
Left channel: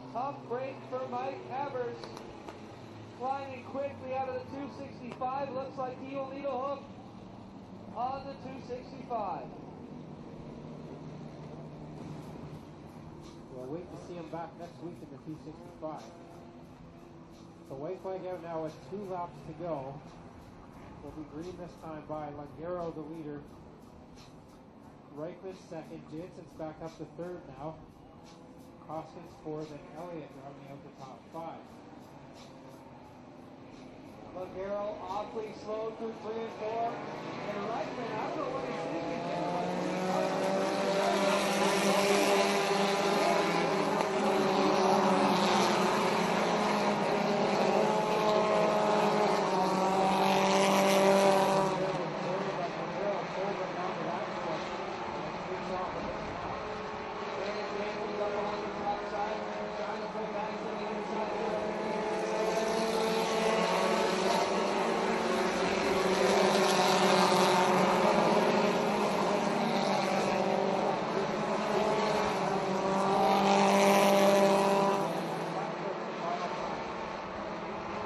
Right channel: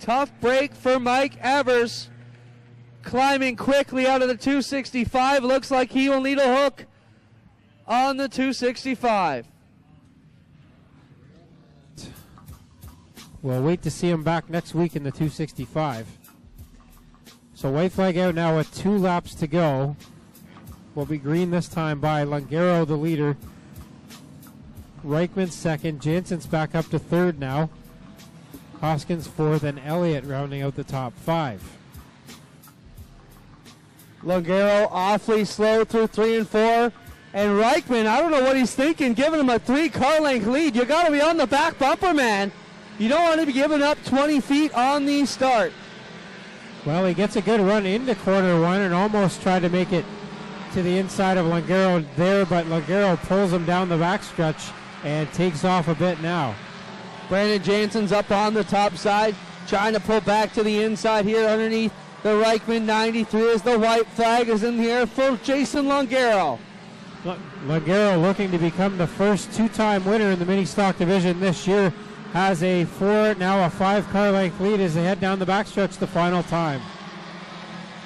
Tough break for Mike Evers. Climbing quickly out of the 265. Looks like he will need a hook on the 265. We'll wait to see him back next week in the 265. So white flag out now with 2 laps to go. Will be green this time by Longaro, the leader. Reichman second. Jansen's back up to third now. Hoskins fourth, and Elliott rounding out the top 5. Longaro awfully slow through 3 and 4. And Reichman, I don't know what he's thinking, giving him a 3-car length lead. You got to be on the back bumper, man. You don't want to be giving up 20 feet on the start. Well, he gets a good run into corner one and almost tried to make it to the inside of Langaro there, but Langaro pulls him down the backstretch and takes off a bit now. Brandon Jansen's up on the top side, trying to pull back to the inside here underneath the Reichman 93 as the white flag is in the air for Jason Langaro. Langaro, looking to become the first two-time winner in the Ministock division this year, has a 4, now a 5-car length lead as they head down the backstretch the final time.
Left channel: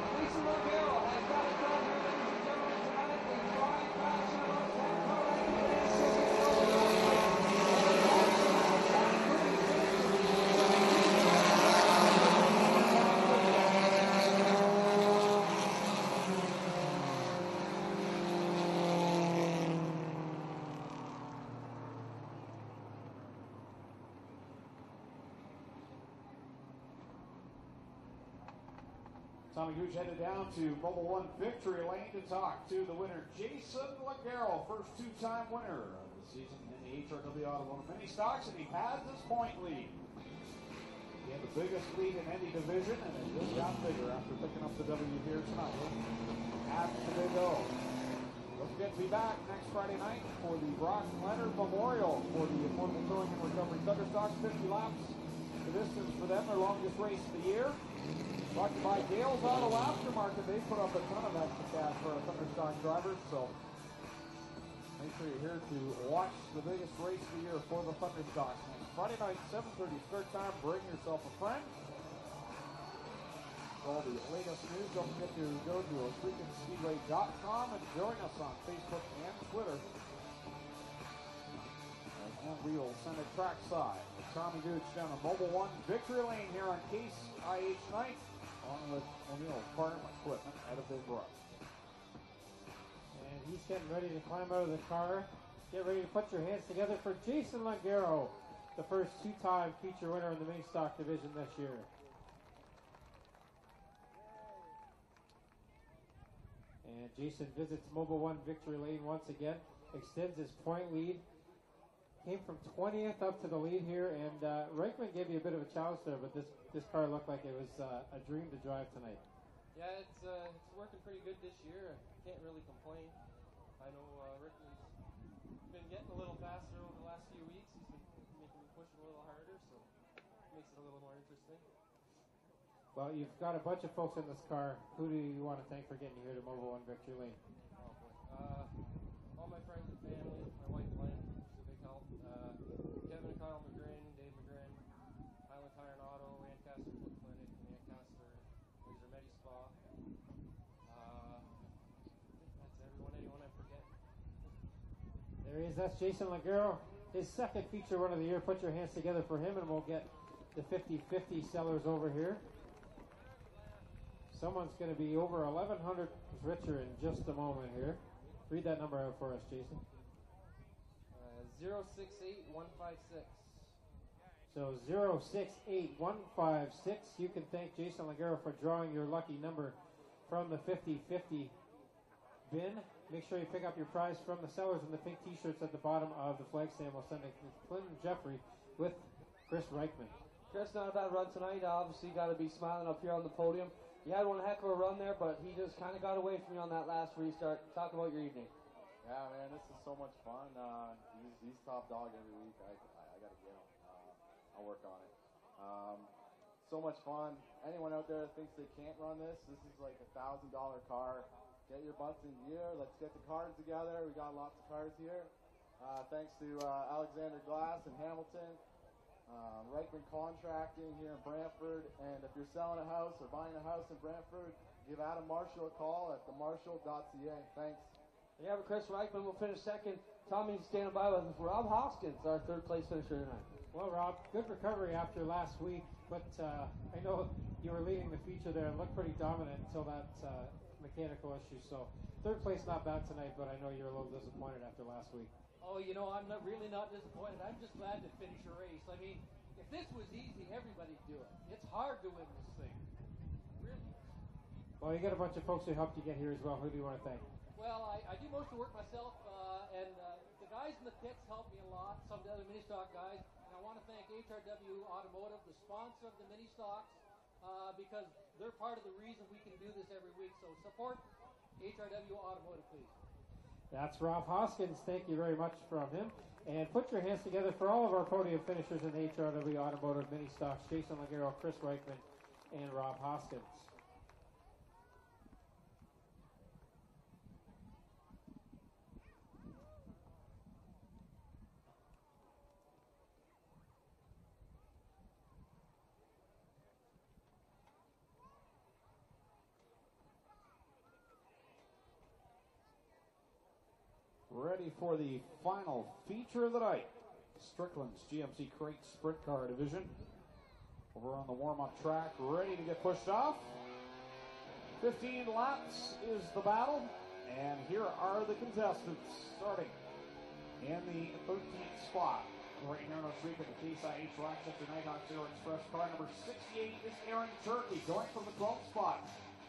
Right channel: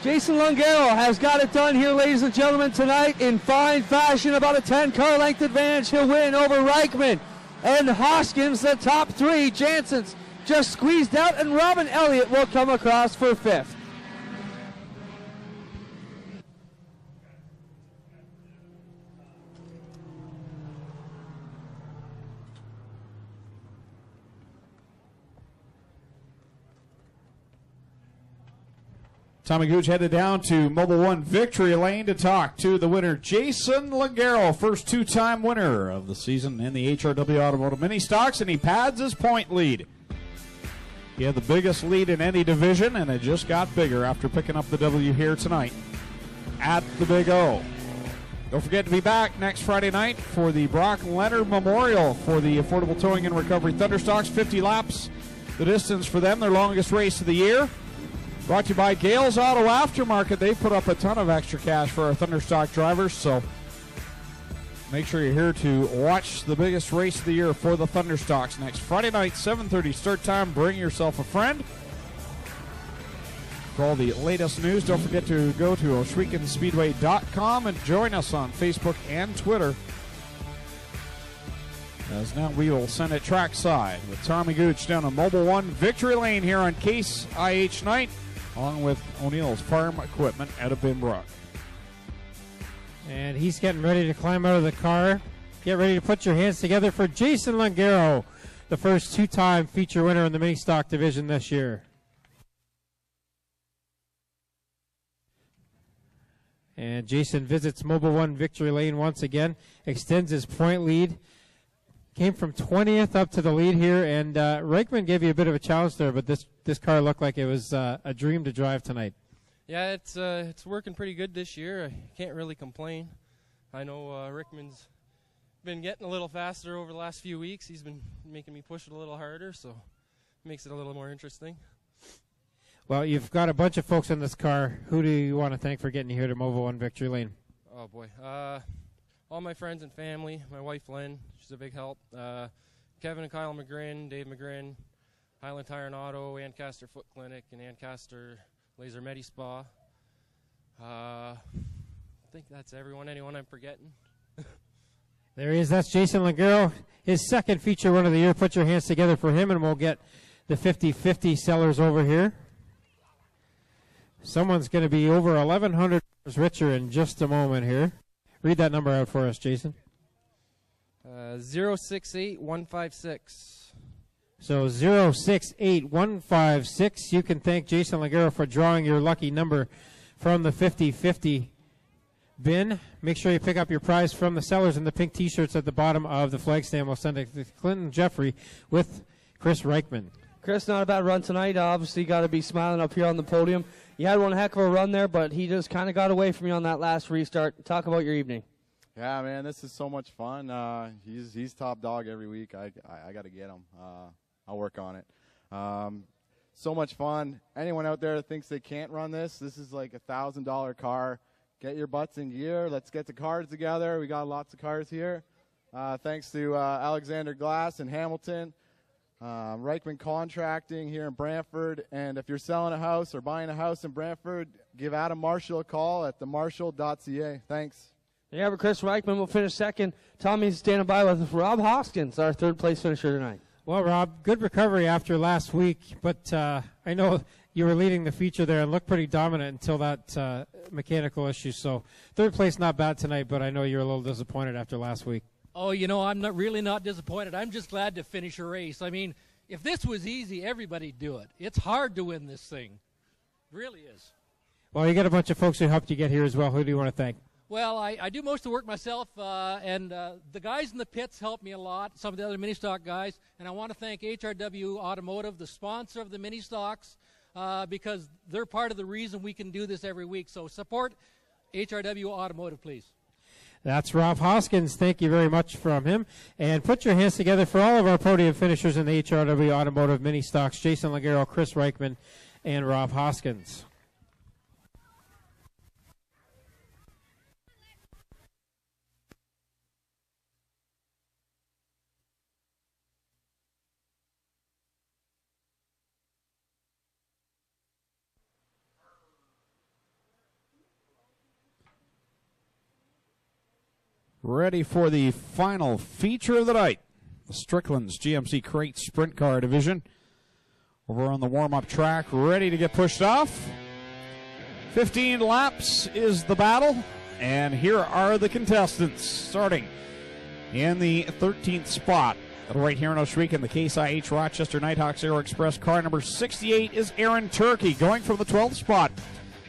Jason Langaro has got it done here, ladies and gentlemen, tonight in fine fashion. About a 10-car length advantage. He'll win over Reichman and Hoskins, the top three. Jansen's just squeezed out, and Robin Elliott will come across for fifth. Tommy Gooch headed down to Mobile One Victory Lane to talk to the winner, Jason Langaro, first two-time winner of the season in the HRW Automotive Ministocks, and he pads his point lead. He had the biggest lead in any division, and it just got bigger after picking up the W here tonight at the Big O. Don't forget to be back next Friday night for the Brock Leonard Memorial for the Affordable Towing and Recovery Thunderstocks. 50 laps, the distance for them, their longest race of the year. Brought to you by Gales Auto Aftermarket. They put up a ton of extra cash for our Thunderstock drivers, so make sure you're here to watch the biggest race of the year for the Thunderstocks next Friday night, 7:30 start time. Bring yourself a friend. For all the latest news, don't forget to go to OshwegenSpeedway.com and join us on Facebook and Twitter. As now we will send it trackside with Tommy Gooch down on Mobile One Victory Lane here on Case IH Night, along with O'Neill's Farm Equipment out of Binbrook. And he's getting ready to climb out of the car. Get ready to put your hands together for Jason Langaro, the first two-time feature winner in the Ministock division this year. And Jason visits Mobile One Victory Lane once again, extends his point lead. Came from 20th up to the lead here, and Reichman gave you a bit of a challenge there, but this car looked like it was a dream to drive tonight. Yeah, it's working pretty good this year. I can't really complain. I know Rickman's been getting a little faster over the last few weeks. He's been making me push it a little harder, so it makes it a little more interesting. Well, you've got a bunch of folks in this car. Who do you want to thank for getting you here to Mobile One Victory Lane? Oh, boy. All my friends and family, my wife Lynn, she's a big help. Kevin and Kyle McGrin, Dave McGrin, Highland Tire and Auto, Ancaster Foot Clinic, and Ancaster Laser Medi Spa. I think that's everyone. Anyone I'm forgetting? There he is. That's Jason Langaro, his second feature winner of the year. Put your hands together for him, and we'll get the 50-50 sellers over here. Someone's going to be over $1,100 richer in just a moment here. Read that number out for us, Jason. 068156. So 068156. You can thank Jason Langaro for drawing your lucky number from the 50-50 bin. Make sure you pick up your prize from the sellers in the pink T-shirts at the bottom of the flag stand. We'll send it to Clinton Jeffrey with Chris Reichman. Chris, not a bad run tonight. Obviously got to be smiling up here on the podium. You had one heck of a run there, but he just kind of got away from you on that last restart. Talk about your evening. Yeah, man, this is so much fun. He's top dog every week. I got to get him. I'll work on it. So much fun. Anyone out there that thinks they can't run this is like $1,000 car. Get your butts in gear. Let's get the cars together. We got lots of cars here. Thanks to Alexander Glass in Hamilton. Reichman Contracting here in Brantford, and if you're selling a house or buying a house in Brantford, give Adam Marshall a call at themarshall.ca. Thanks. Yeah, but Chris Reichman will finish second. Tommy's standing by with Rob Hoskins, our third place finisher tonight. Well, Rob, good recovery after last week, but I know you were leading the feature there and looked pretty dominant until that mechanical issue. So third place, not bad tonight, but I know you're a little disappointed after last week. Oh, you know, I'm really not disappointed. I'm just glad to finish a race. I mean, if this was easy, everybody'd do it. It's hard to win this thing. It really is. Well, you got a bunch of folks who helped you get here as well. Who do you want to thank? Well, I do most of the work myself, and the guys in the pits helped me a lot, some of the other Ministock guys, and I want to thank HRW Automotive, the sponsor of the Ministocks. because they're part of the reason we can do this every week. So support HRW Automotive, please. That's Rob Hoskins. Thank you very much from him. And put your hands together for all of our podium finishers in the HRW Automotive Mini Stocks: Jason Ligero, Chris Reichman, and Rob Hoskins. Ready for the final feature of the night. The Strickland's GMC Crate Sprint Car Division. Over on the warm-up track, ready to get pushed off. 15 laps is the battle. And here are the contestants. Starting in the 13th spot. Right here in Oswego, the Case IH Rochester Nighthawks Aero Express car number 68 is Aaron Turkey. Going from the 12th spot.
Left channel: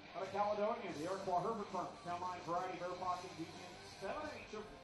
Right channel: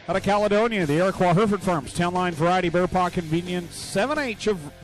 Out of Caledonia, the Iroquois Hereford Farms 10-line variety bear paw convenience 7H of